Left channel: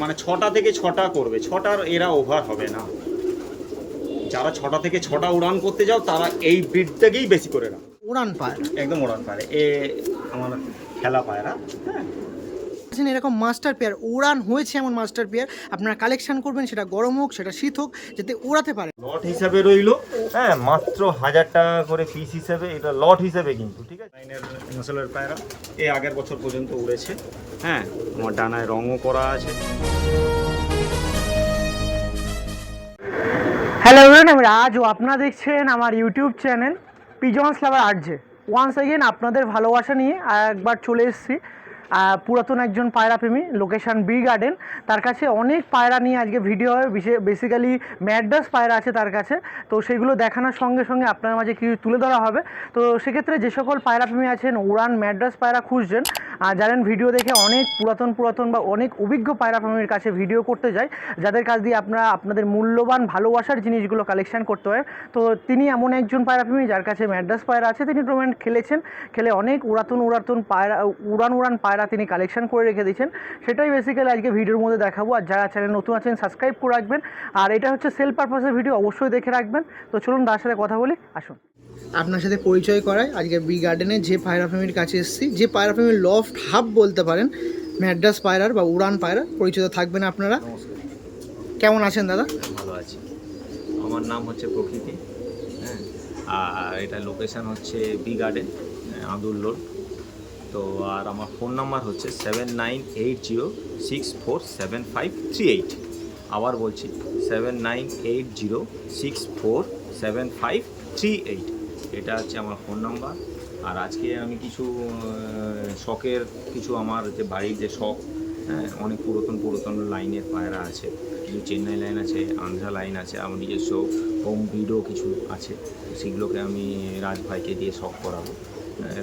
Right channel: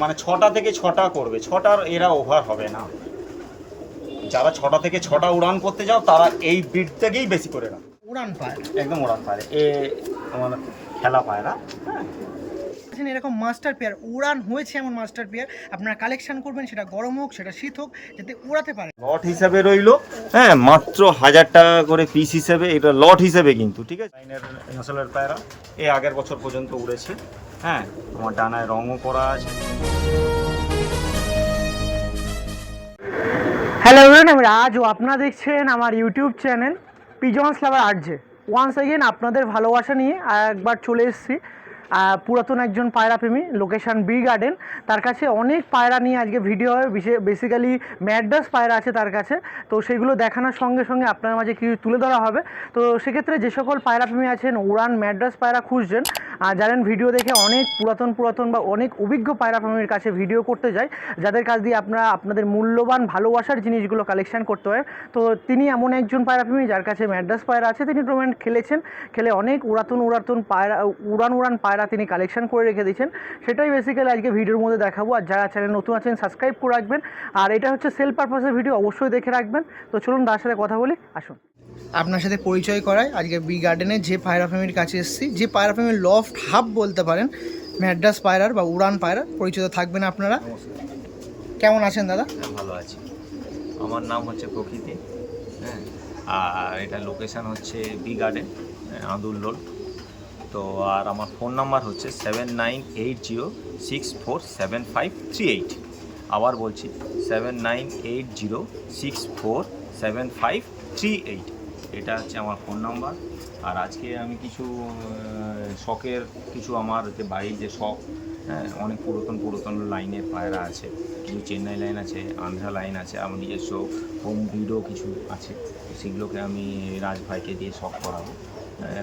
মানে 6টা থেকে 6টা করবে, 6টার এরা ওভার হবে না। যারা 6টা থেকে 6টা উড়ান করতে যাও তারা এই ব্রিডটাকেই বেশি করে রাখ। উড়ান পায়রা, একদম উড়ান পায়রা, এ আমার খেলা পায়রা। হ্যাঁ, এরকম মাস্টার পেয়ার উড়ান হয়েছে এমন মাস্টার পেয়ার আপনারা কালেকশন করবেন, সেটা গরম হোক সেটা শীত হোক, যাতে উড়াতে পারে। লট হিসাবে রইলো, হ্যাঁ, মাত্র 1000 টাকা করে পিস হিসেবে, এটা লট হিসেবে কিন্তু, ঠিক আছে। লাইনের নসলের পায়রা এ আগের বছর পর্যন্ত উড়েছে। হ্যাঁ, আমার ডানায় রঙও করা আছে। হ্যালো এভরিওয়ান, আমি রাজ ও আপনারা দেখছেন আমার ইউটিউব চ্যানেল পিজনস লাভার আরজে। ওয়ান্স এগেন আপনাদের ভালোবাসা নিয়ে একবার চলে এসেছি পুরাতন একজন পায়রা প্রেমী, লোকেশন বি গার্ডেন। তার কাছে অনেক পায়রা নিয়ে আজকে ভিডিও হয়, বেসিক্যালি ম্যাড্রাস পায়রা আছে তার কাছে। তো সেগুলো দেখানোর সঙ্গে সঙ্গে আপনার মাঝে কিছু তুলে ধরা হবে। তো সেক্ষেত্রে যে সকল পায়রা প্রেমী আছেন, উড়ান ম্যাড্রাস পায়রা খুঁজছেন, জানেন ভিডিও দেখে অনেক পুরাতন বা অনেক অভিজ্ঞ পায়রা প্রেমীর কাছে ভিডিও করতে যায়, যাদের কাছ দিয়ে আপনারা আপনাদের মূল্যবান ভালোবাসার জিনিসগুলো কালেকশন করতে পারেন। তো তিনি এমন একজন পায়রা প্রেমী যার কাছে ম্যাড্রাস পায়রা আছে। তিনি টুর্নামেন্ট খেলে অনেক উড়ান পায়রা পায়রা তিনি কালেকশন করে রেখে দিয়েছেন। সেটাই বেসিক্যালি আজকে ভিডিওর মধ্যে দেখাবো। আর যারা চ্যানেল নতুন আছেন সাবস্ক্রাইব করে রাখবেন। আর এটা হচ্ছে সেল পারপাসের ভিডিও, অবশ্যই দেখে রাখবেন। তো চলুন তার সাথে কথা বলি, আসুন আপনার সাথে পরিচয় করাই। আজকে বি গার্ডেনে যে পায়রা প্রেমীর কাছে এসেছি, যে পায়রা প্রেমীর লফট হাব বলতে পারেন ম্যাড্রাস পায়রার বা উড়ান পায়রার, পরিচিত থাকবেন আপনারা। নমস্কার, কেমন আছেন দাদা? ভালো আছি। আমার নাম হচ্ছে প্রকৃতি। হ্যাঁ, আর এটা লোকেশান হচ্ছে বি গার্ডেন, আদুল্লোড। তো আর আমার ফোন নাম্বার হচ্ছে 7980647538। আবার বলছি 7980647538। এটা হচ্ছে আমার ফোন নাম্বার। আর আজকে আমি কিছু শখের কিছু আমার যে বাড়ির যে শখ, হ্যাঁ, অনেক পুরাতন লাইনের পায়রা আছে, কিছু চেন্নাই লাইন আছে, আন্ধ্রা লাইন আছে, আমার নিজস্ব হোম ব্রিডও কিছু আছে। তো সেগুলোকে আমি রাজভাইকে দিয়ে শখ করাবো।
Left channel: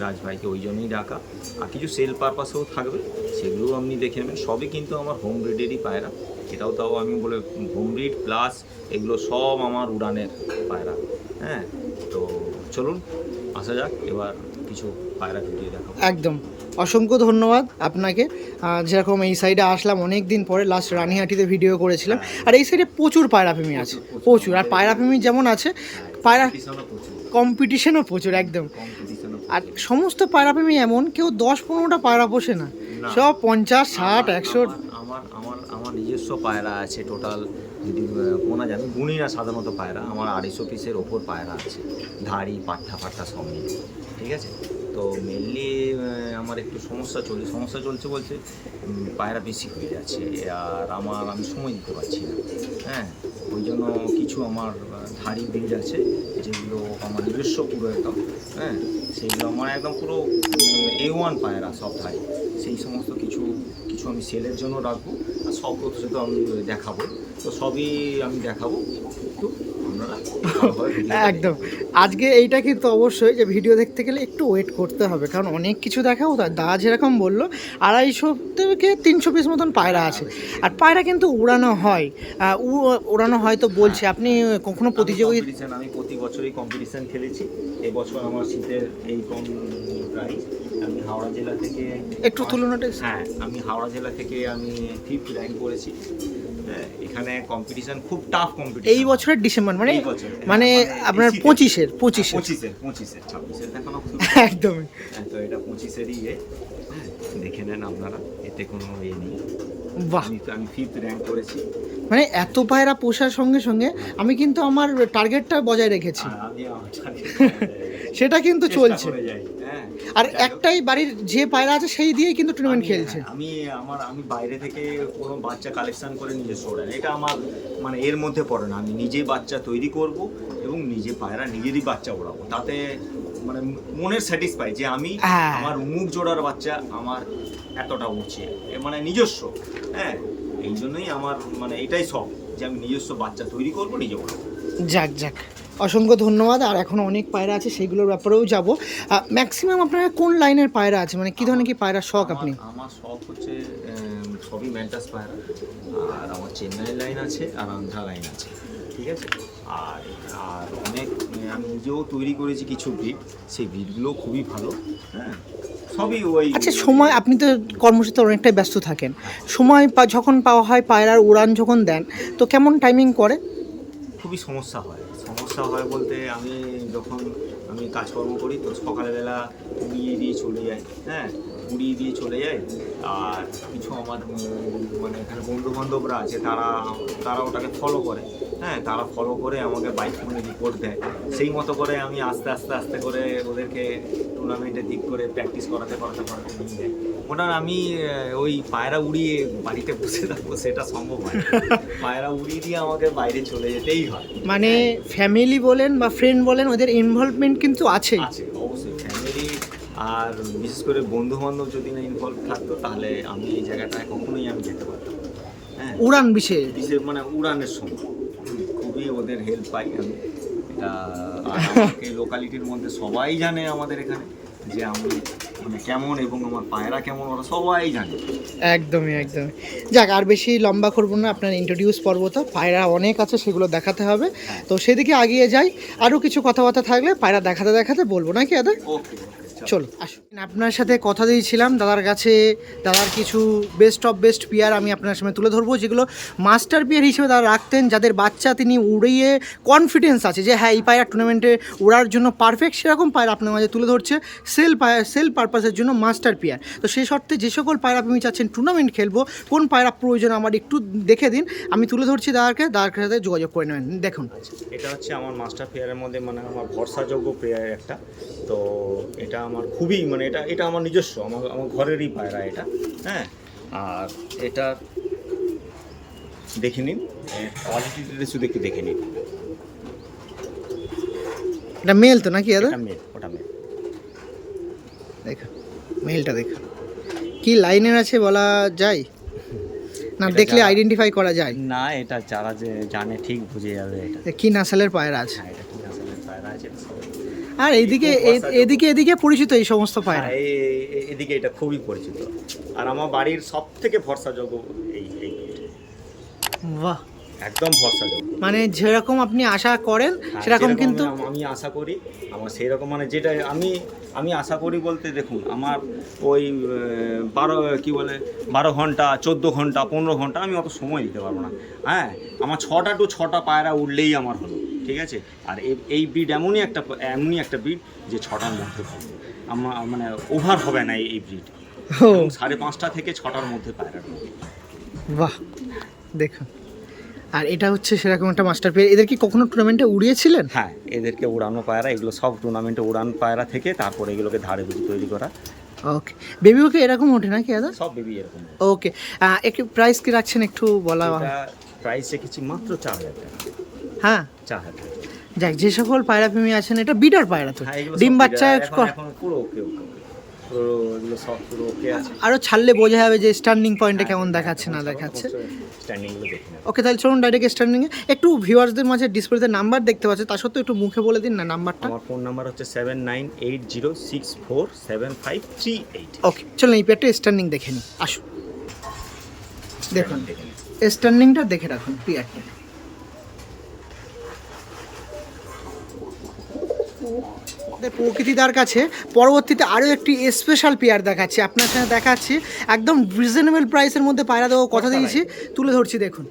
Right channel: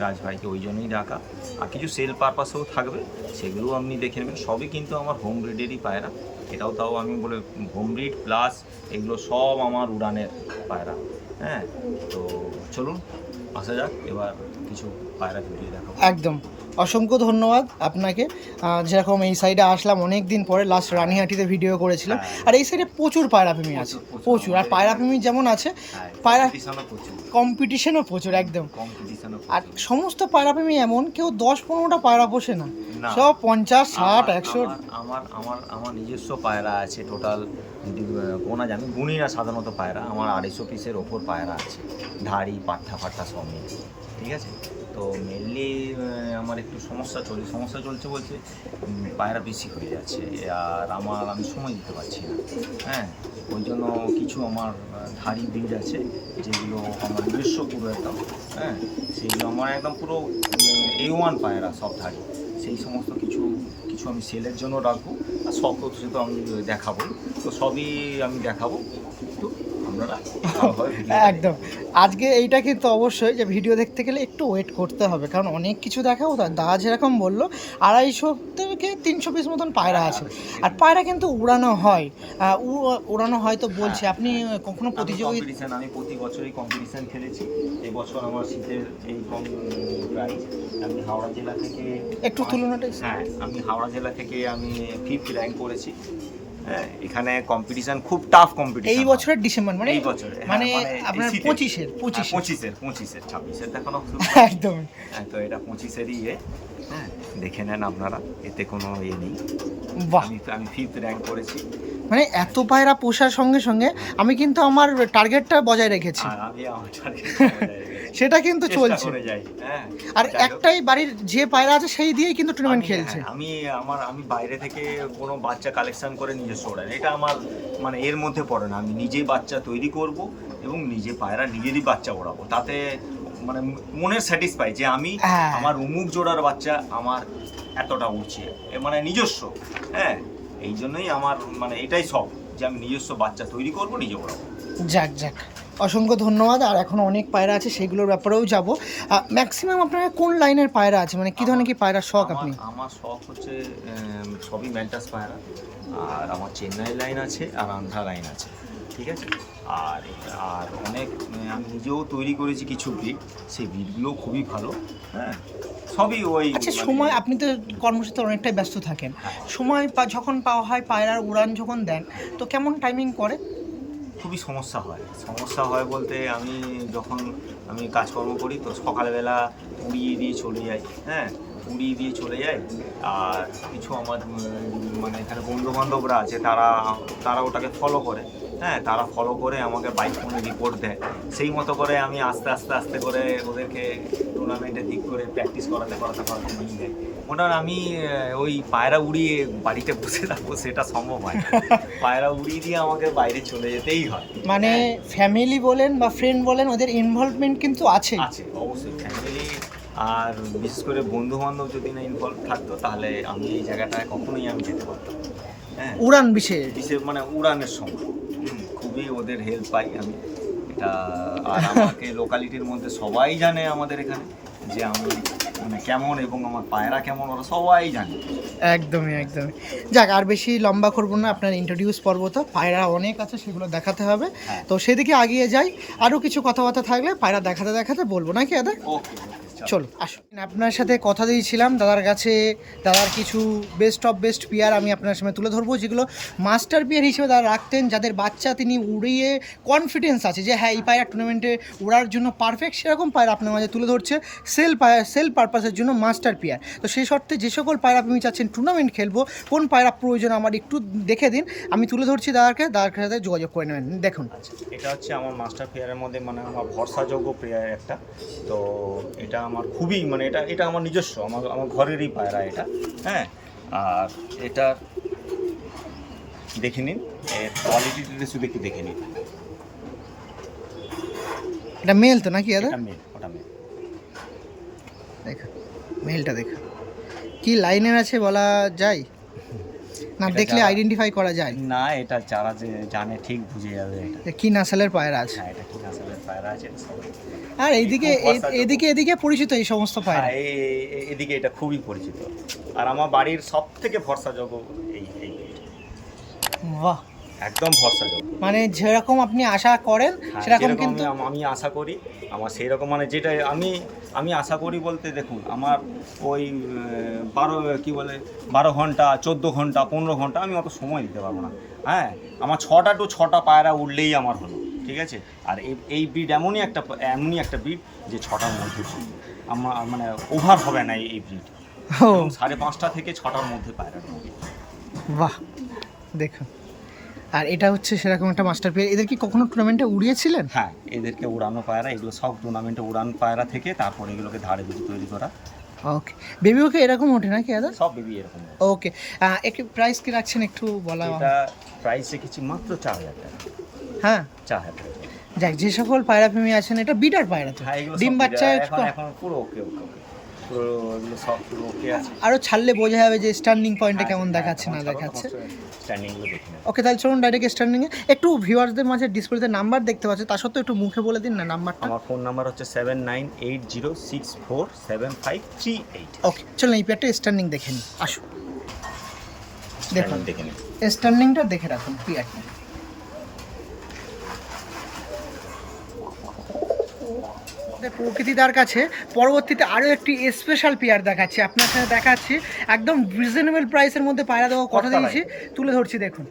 রাজভাইকে ওই জন্যই ডাকা। আর কিছু সেল পারপাসেও থাকবে, সেগুলোও আপনি দেখে নেবেন। সবই কিন্তু আমার হোম ব্রিডেরই পায়রা। এটাও তাও আমি বলে হোম ব্রিড প্লাস এগুলো সব আমার উড়ানের পায়রা। হ্যাঁ, তো চলুন আসা যাক, এবার কিছু পায়রা ভিডিও দেখাবো। একদম, অসংখ্য ধন্যবাদ আপনাকে। যেরকম এই সাইডে আসলাম অনেক দিন পরে, লাস্ট রানীহাটিতে ভিডিও করেছিলাম। আর এই সাইডে প্রচুর পায়রা প্রেমী আছে, প্রচুর। আর পায়রা প্রেমী যেমন আছে, পায়রা কম্পিটিশনও প্রচুর, একদম। আর সমস্ত পায়রা প্রেমী এমন কেউ 10-15টা পায়রা পোষে না, সব 50, 60, 100। আমার নিজস্ব পায়রা আছে টোটাল, যদি গোনা যাবে গুনি না, সাধারণত পায়রা আমার 250 পিসের ওপর পায়রা আছে, ধাড়ি পাট্টা সব মিলিয়ে, ঠিক আছে। তো মেনলি আমার একটু সমস্যা চলছে বলতে পায়রা বেশি হয়ে যাচ্ছে, আর আমি সময় দিতে পারছি না। হ্যাঁ, ওই জন্য কিছু আমার ধাড়ি ব্রিড আছে যেগুলো আমার নিজস্ব পুরো একদম, হ্যাঁ, সেইগুলো আমার একদম পুরো A1 পায়রা, সব ধাড়ি। সেই সমস্ত কিছু আমি সেলের জন্য রাখবো। আর শখ হচ্ছে তো আমি দেখাবোই, তো সবই আমি দেখাবো। একটু আপনারা একদম, আজকে এইটা কিন্তু অবশ্যই যে ভিডিও দেখতে গেলে একটু ওয়েট করতে হবে, কারণ অনেক কিছু দেখাবো। তার দাদা যেরকম বললো 250 থেকে 300 পিস মতন পায়রা আছে। আর পায়রা কিন্তু উড়ানো হয় তো বলছে। আপনি কখনো প্রতিযোগিতা? আমি প্রতি বছরই কম্পিটিশান খেলেছি। এবছর আমার শীতের এই কম প্রাইস, আমি হাওড়া জেলা থেকে একটু তুলনাটা, হ্যাঁ, আমি হাওড়া জেলা থেকে আমি 5th র্যাঙ্ক করেছি। হ্যাঁ, এখানে কম্পিটিশন খুব টাফ কম্পিটিশন। এই বছরের ডিসেম্বর মানে মানে আপনার 25-এর 26-এর দেখানো একদম। হ্যাঁ, তো এটা 25-এরই দেখে নেন আপনারা, এতে কোনো ইয়ে নেই। বাহ, আমি 5th র্যাঙ্ক করেছি। মানে এত পায়রা পোষার সঙ্গে সঙ্গে আমি কিন্তু আমার টার্গেটটা বজায় রেখেছি, সেটা কিন্তু চলছে। আর একটাই বাড়ির যে পায়রা আছে সেই দিয়েই কিন্তু টুর্নামেন্ট খেলছে। আমি বাইরে থেকে কোনো বাচ্চা কালেকশন করে নিজস্ব ওড়াই, এটা আমার মানে এর মধ্যে পড়ে না। আমি নিজেই বাচ্চা তৈরি করব এবং নিজে পায়রা নিজেরই বাচ্চা ওড়াবো, তাতে মানে মনের স্যাটিসফাই যে আমি আমার উমুক জোড়ার বাচ্চা আমার এতটা উঠছে, মানে নিজস্ব। হ্যাঁ, এই জন্যই আমার মানে এটাই শখ যে আমি নিজস্ব বাচ্চা তৈরি করব, নিজে ওড়াবো। যাক, অসংখ্য ধন্যবাদ। আর এখন অনেক পায়রা আছে, সেগুলোর ব্যাপারেও যাব। ম্যাক্সিমাম আপনার কোন লাইনের পায়রা আছে, মানে কী ধরনের কি পায়রা শখ আপনি? আমার শখ হচ্ছে সবই ম্যান্টাস পায়রা। আর আমার চেন্নাই লাইন আছে আর আন্ধ্রা লাইন আছে, ঠিক আছে। আর অনেক আমি নিজেও তৈরি করেছি কিছু ব্রিড, সেই ব্রিডগুলোও খুবই ভালো। হ্যাঁ, সবই ওই আচ্ছা মানে- সময়, আপনি তো কর্মসূচিতে অনেকটাই ব্যস্ত থাকেন, হ্যাঁ। সময় যখন পাওয়া হয় পায়রার উড়ান যখন দেন তো কেমন টাইমিং করে? খুবই সমস্যা হয় বলতে আমি কাজকর্ম করি তো সকালবেলা উড়িয়ে দিয়ে চলে যাই, হ্যাঁ উড়িয়ে দিয়ে চলে যাই। আর কিছু আমার মানে এখানে বন্ধু বান্ধবরা আছে, তারা ওটাকে ফলো করে, হ্যাঁ তারা ফলো করে আমাকে বাইক ফোনে রিপোর্ট দেয়। সেই মতো করে আমি আস্তে করে ওদেরকে টুর্নামেন্টের দিক করে প্র্যাকটিস করাতে নিয়ে যাই। মোটামুটি আমি ওই পায়রা উড়িয়ে বাড়িতে বসে থাকবো সেটা সম্ভব হয় না। পায়রা উড়িয়ে দিয়ে আমাকে বাইরে চলে যেতেই হয়। মানে ফ্যামিলি বলেন বা ফ্রেন্ড বলেন, ওদের ইনভলভমেন্ট কিন্তু আছে। অবশ্যই ফ্যামিলি আর বিশেষ করে বন্ধু বান্ধব যদি না ইনভলভ থাকতো তাহলে আমি এই জায়গাটায় কখনোই আমি যেতে পারতাম না। হ্যাঁ উড়ান বিশেষ বিশেষ মানে উড়ানের সময় খুবই ওদের হেল্প পাই আমি এটা। আর আমাকে লোকালিটির মধ্যে সবাই জানে আমাদের এখানে যে আমি মানে কেমন এবং আমার পায়রা কেমন, ওরা সবাই জানে। একদমই। যাক, আর বেশি লম্বা করবো না, আপনার ইন্ট্রোডিউস পর্ব তো পায়রা অনেক আছে, সেগুলো দেখাতে হবে। হ্যাঁ। তো সেদিকে আগিয়ে যাই, আরও কিছু কথাবার্তা থাকলে পায়রা দেখাতে বলবো নাকি দাদা? ওকে চলো আসুন, আপনার সাথে কথা দিয়েছিলাম দাদার কাছে, দাদার কিছু বেস্ট অফ বেস্ট পেয়ার আমি আপনার সামনে তুলে ধরবো, যেগুলো মাস্টার পেয়ার হিসেবে দাদা রাখতেন, যাদের বাচ্চা তিনি উড়িয়ে কনফিডেন্স আছে যে হ্যাঁ এই পায়রা টুর্নামেন্টে উড়ার জন্য পারফেক্ট, সেরকম পায়রা আপনার মাঝে তুলে ধরছে সেল পারপাসের জন্য মাস্টার পেয়ার। তো সেই শর্তে যে সকল পায়রা আপনি চাচ্ছেন টুর্নামেন্ট খেলবো, কোন পায়রা প্রয়োজন আমার একটু দেখে দিন, আমি তুলে ধরছি দাদার সাথে যোগাযোগ করে নেবেন। দেখুন আচ্ছা, এটা হচ্ছে আমার মাস্টার পেয়ারের মধ্যে মানে আমার ভরসাযোগ্য পেয়ার একটা। তো এটা আমার খুবই মানে এটা আমার নিজস্ব, আমার ঘরেরই পায়রা এটা। হ্যাঁ আর এটা দেখে নিন, এর কোয়ালিটিটা শুধু একটু দেখে নিন। এটা মেল তো নাকি দাদা? ওটা মেল। দেখুন মেলটা দেখুন, কি লাইনের আছে বলা যায় না, এটা দেখলে যারা- আইডেন্টিফাই করা যায় না, এটা যারা যে জানে ঠিক বুঝে যাবে এটা। যে কি নাসেলের পায়রা আছে। হ্যাঁ এটা কি নাসেলের পায়রা আছে এটা সবাই। আর এইদিকে খুব ভরসাযোগ্য। এদিকে পরিচিত এই সমস্ত পায়রা। হ্যাঁ এদিকে এটা খুবই পরিচিত, আর আমার বাড়ির সব থেকে ভরসাযোগ্য এই breed। বাহ, একদম ভরসাযোগ্য। মানে যেরকম আপনি আশা করেন হ্যাঁ, সেরকম যেরকম কিন্তু আমি আশা করি, আমার সেই রকম মানে যেটা আমি আশা করি বলতে দেখুন, আমার ওই 12 ঘন্টা 14 ঘন্টা 15 ঘন্টা আমি অত সময় দিতে পারবো না। হ্যাঁ আমার 6টা to 6টা পায়রা উঠলেই আমার হলো, ঠিক আছে। আর এই ব্রিড এমনই একটা ব্রিড যে 6টার মধ্যে পড়বে, আমার মানে ওভার হবে না এই ব্রিড। ও 5:30 থেকে 6টার মধ্যে পায়রার মধ্যে। বাহ, দেখুন। আর এটা হচ্ছে সেরকম একটা মাস্টার পেয়ার। এদের কি কখনো টুর্নামেন্টে উড়িয়েছিলেন? হ্যাঁ এদেরকে উড়ানো পায়রা, এগুলো সব টুর্নামেন্টে উড়ান পায়রা থেকে তারপরে এগুলোকে ধারে বুঝি তৈরি করা। ওকে, বেবিওকে এরকম ওঠে নাকি দাদা? সব বেবি এরকম। ওকে, একটু প্রাইস কি রাখছেন একটু বলা? এটা প্রাইস রেখেছি মাত্র 4,000 টাকা। হ্যাঁ 4,000 টাকা। যাক, যে সকল পায়রা প্রেমী আছেন, এটা বিডার পায়রা তো, হ্যাঁ এগুলো ডিম সব বাচ্চা এখন পুরো ওকে পুরো এগুলো সব পুরো ওকে আছে। আরো ছাড়লে বোঝা যাবে যে স্ট্যান্ডিং পয়েন্টে কেমন দেখাচ্ছে না দেখাচ্ছে। স্ট্যান্ডিং গুলো দেখে নেব। ওকে, তাহলে চলুন ডাইরেক্ট স্ট্যান্ডিং এ। একটু ভিউয়ার্সদের মাঝে ডিসপ্লেতে নাম্বার দেখতে পাচ্ছে, তার সত্ত্বেও একটু মুখে বলে দিন না নাম্বারটা। আমার ফোন নাম্বার হচ্ছে 7980647538। ওকে, চলুন এই পেয়ারটা স্ট্যান্ডিং দেখে নিই, আসুন দেখুন দেখে নিন। স্ট্যান্ডিংটা দেখে রাখুন পেয়ারটা। প্রকৃতিদার কাছে পরবর্তীতে আরও একটি স্পেশাল পেয়ার দেখাচ্ছি, আপনার সাথে দেখাচ্ছি একদম রিজনেবল প্রাইসের মধ্যে পায়রা দেওয়ার কথা দিয়েছি, তুলে ধরছি দেখুন।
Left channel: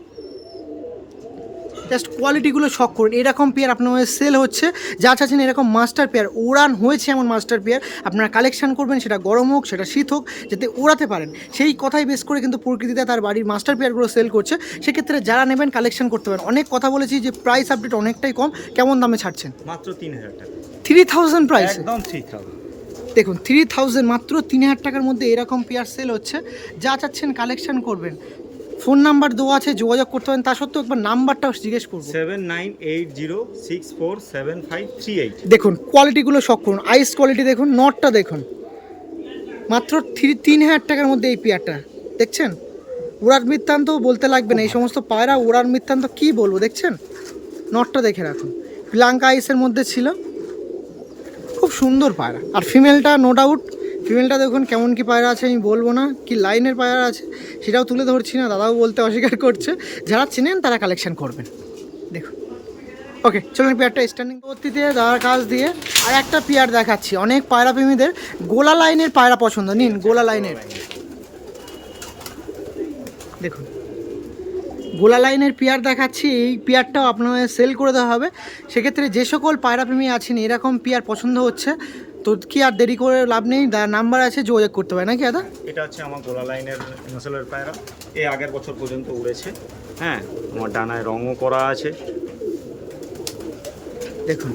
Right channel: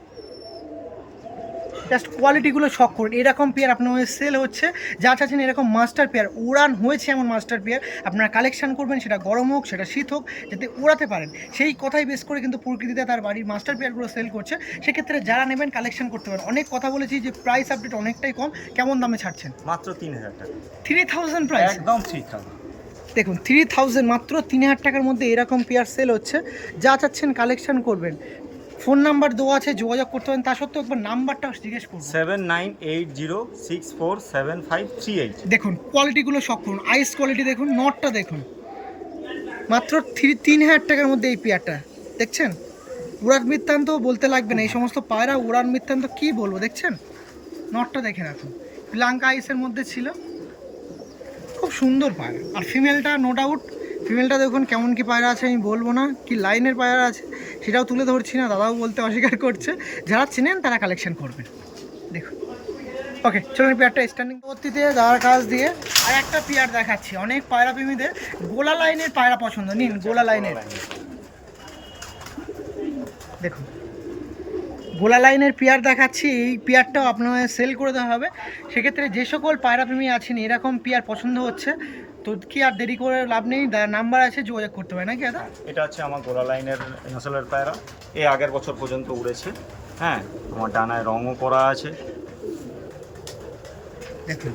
জাস্ট কোয়ালিটিগুলো শখ করুন, এরকম পেয়ার আপনার সেল হচ্ছে, যা চাচ্ছেন এরকম মাস্টার পেয়ার উড়ান হয়েছে এমন মাস্টার পেয়ার আপনারা কালেকশন করবেন, সেটা গরম হোক সেটা শীত হোক, যাতে উড়াতে পারেন সেই কথাই বেস করে কিন্তু প্রকৃতিতে তার বাড়ির মাস্টার পেয়ারগুলো সেল করছে। সেক্ষেত্রে যারা নেবেন কালেকশন করতে পারেন। অনেক কথা বলেছি যে প্রাইস আপডেট অনেকটাই কম, কেমন দামে ছাড়ছেন? মাত্র 3,000 টাকা। 3000 প্রাইস, একদম 3,000। দেখুন 3000, মাত্র 3000 টাকার মধ্যে এরকম পেয়ার সেল হচ্ছে, যা চাচ্ছেন কালেকশন করবেন। ফোন নাম্বার দেওয়া আছে, যোগাযোগ করতে পারেন, তা সত্ত্বেও একবার নাম্বারটাও জিজ্ঞেস করবো। 7980647538। দেখুন কোয়ালিটিগুলো শখ করুন, আইস কোয়ালিটি দেখুন, নটটা দেখুন, মাত্র 3000 টাকার মধ্যে এই পেয়ারটা দেখছেন। উড়ার বৃত্তান্ত বলতে লাগবে না, এই সমস্ত পায়রা উড়ার বৃত্তান্ত কী বলবো, দেখছেন নটটা দেখে রাখুন, লঙ্কা আইসের মধ্যে ছিল, খুব সুন্দর পায়রা। আর ফিমেলটা নো ডাউট, ফিমেলটা দেখুন কেমন কি পায়রা আছে আমি বলবো না, কি লাইনের পায়রা আছে সেটাও তুলে ধরছি না, দাদাও বলতে অস্বীকার করছে। যারা চেনেন তারা কালেকশন করবেন। দেখুন ওকে চলুন পেয়ারটা স্ট্যান্ডিং পরবর্তীতে দাদার কাজ দিয়ে আর একটা পেয়ার দেখাচ্ছি। অনেক পায়রা প্রেমীদের গোলা লাইনের পায়রা পছন্দ, নিন গোলা লাইনের দেখুন, গোলা লাইনের পেয়ার দেখাচ্ছি। এই পেয়ারটাও আপনাদের সেল করে দেওয়া হবে। সেক্ষেত্রে যে সকল পায়রা প্রেমী আছেন এরকম পেয়ার পছন্দ হচ্ছে তো কি আর দেরি করে লাভ নেই, নাম্বার আছে যোগাযোগ করতে পারে নাকি দাদা? এটা হচ্ছে আমার গোলা লাইনের নসলের পায়রা, এ আগের বছর পর্যন্ত উড়েছে। হ্যাঁ, আমার ডানায় রঙও করা আছে। দেখুন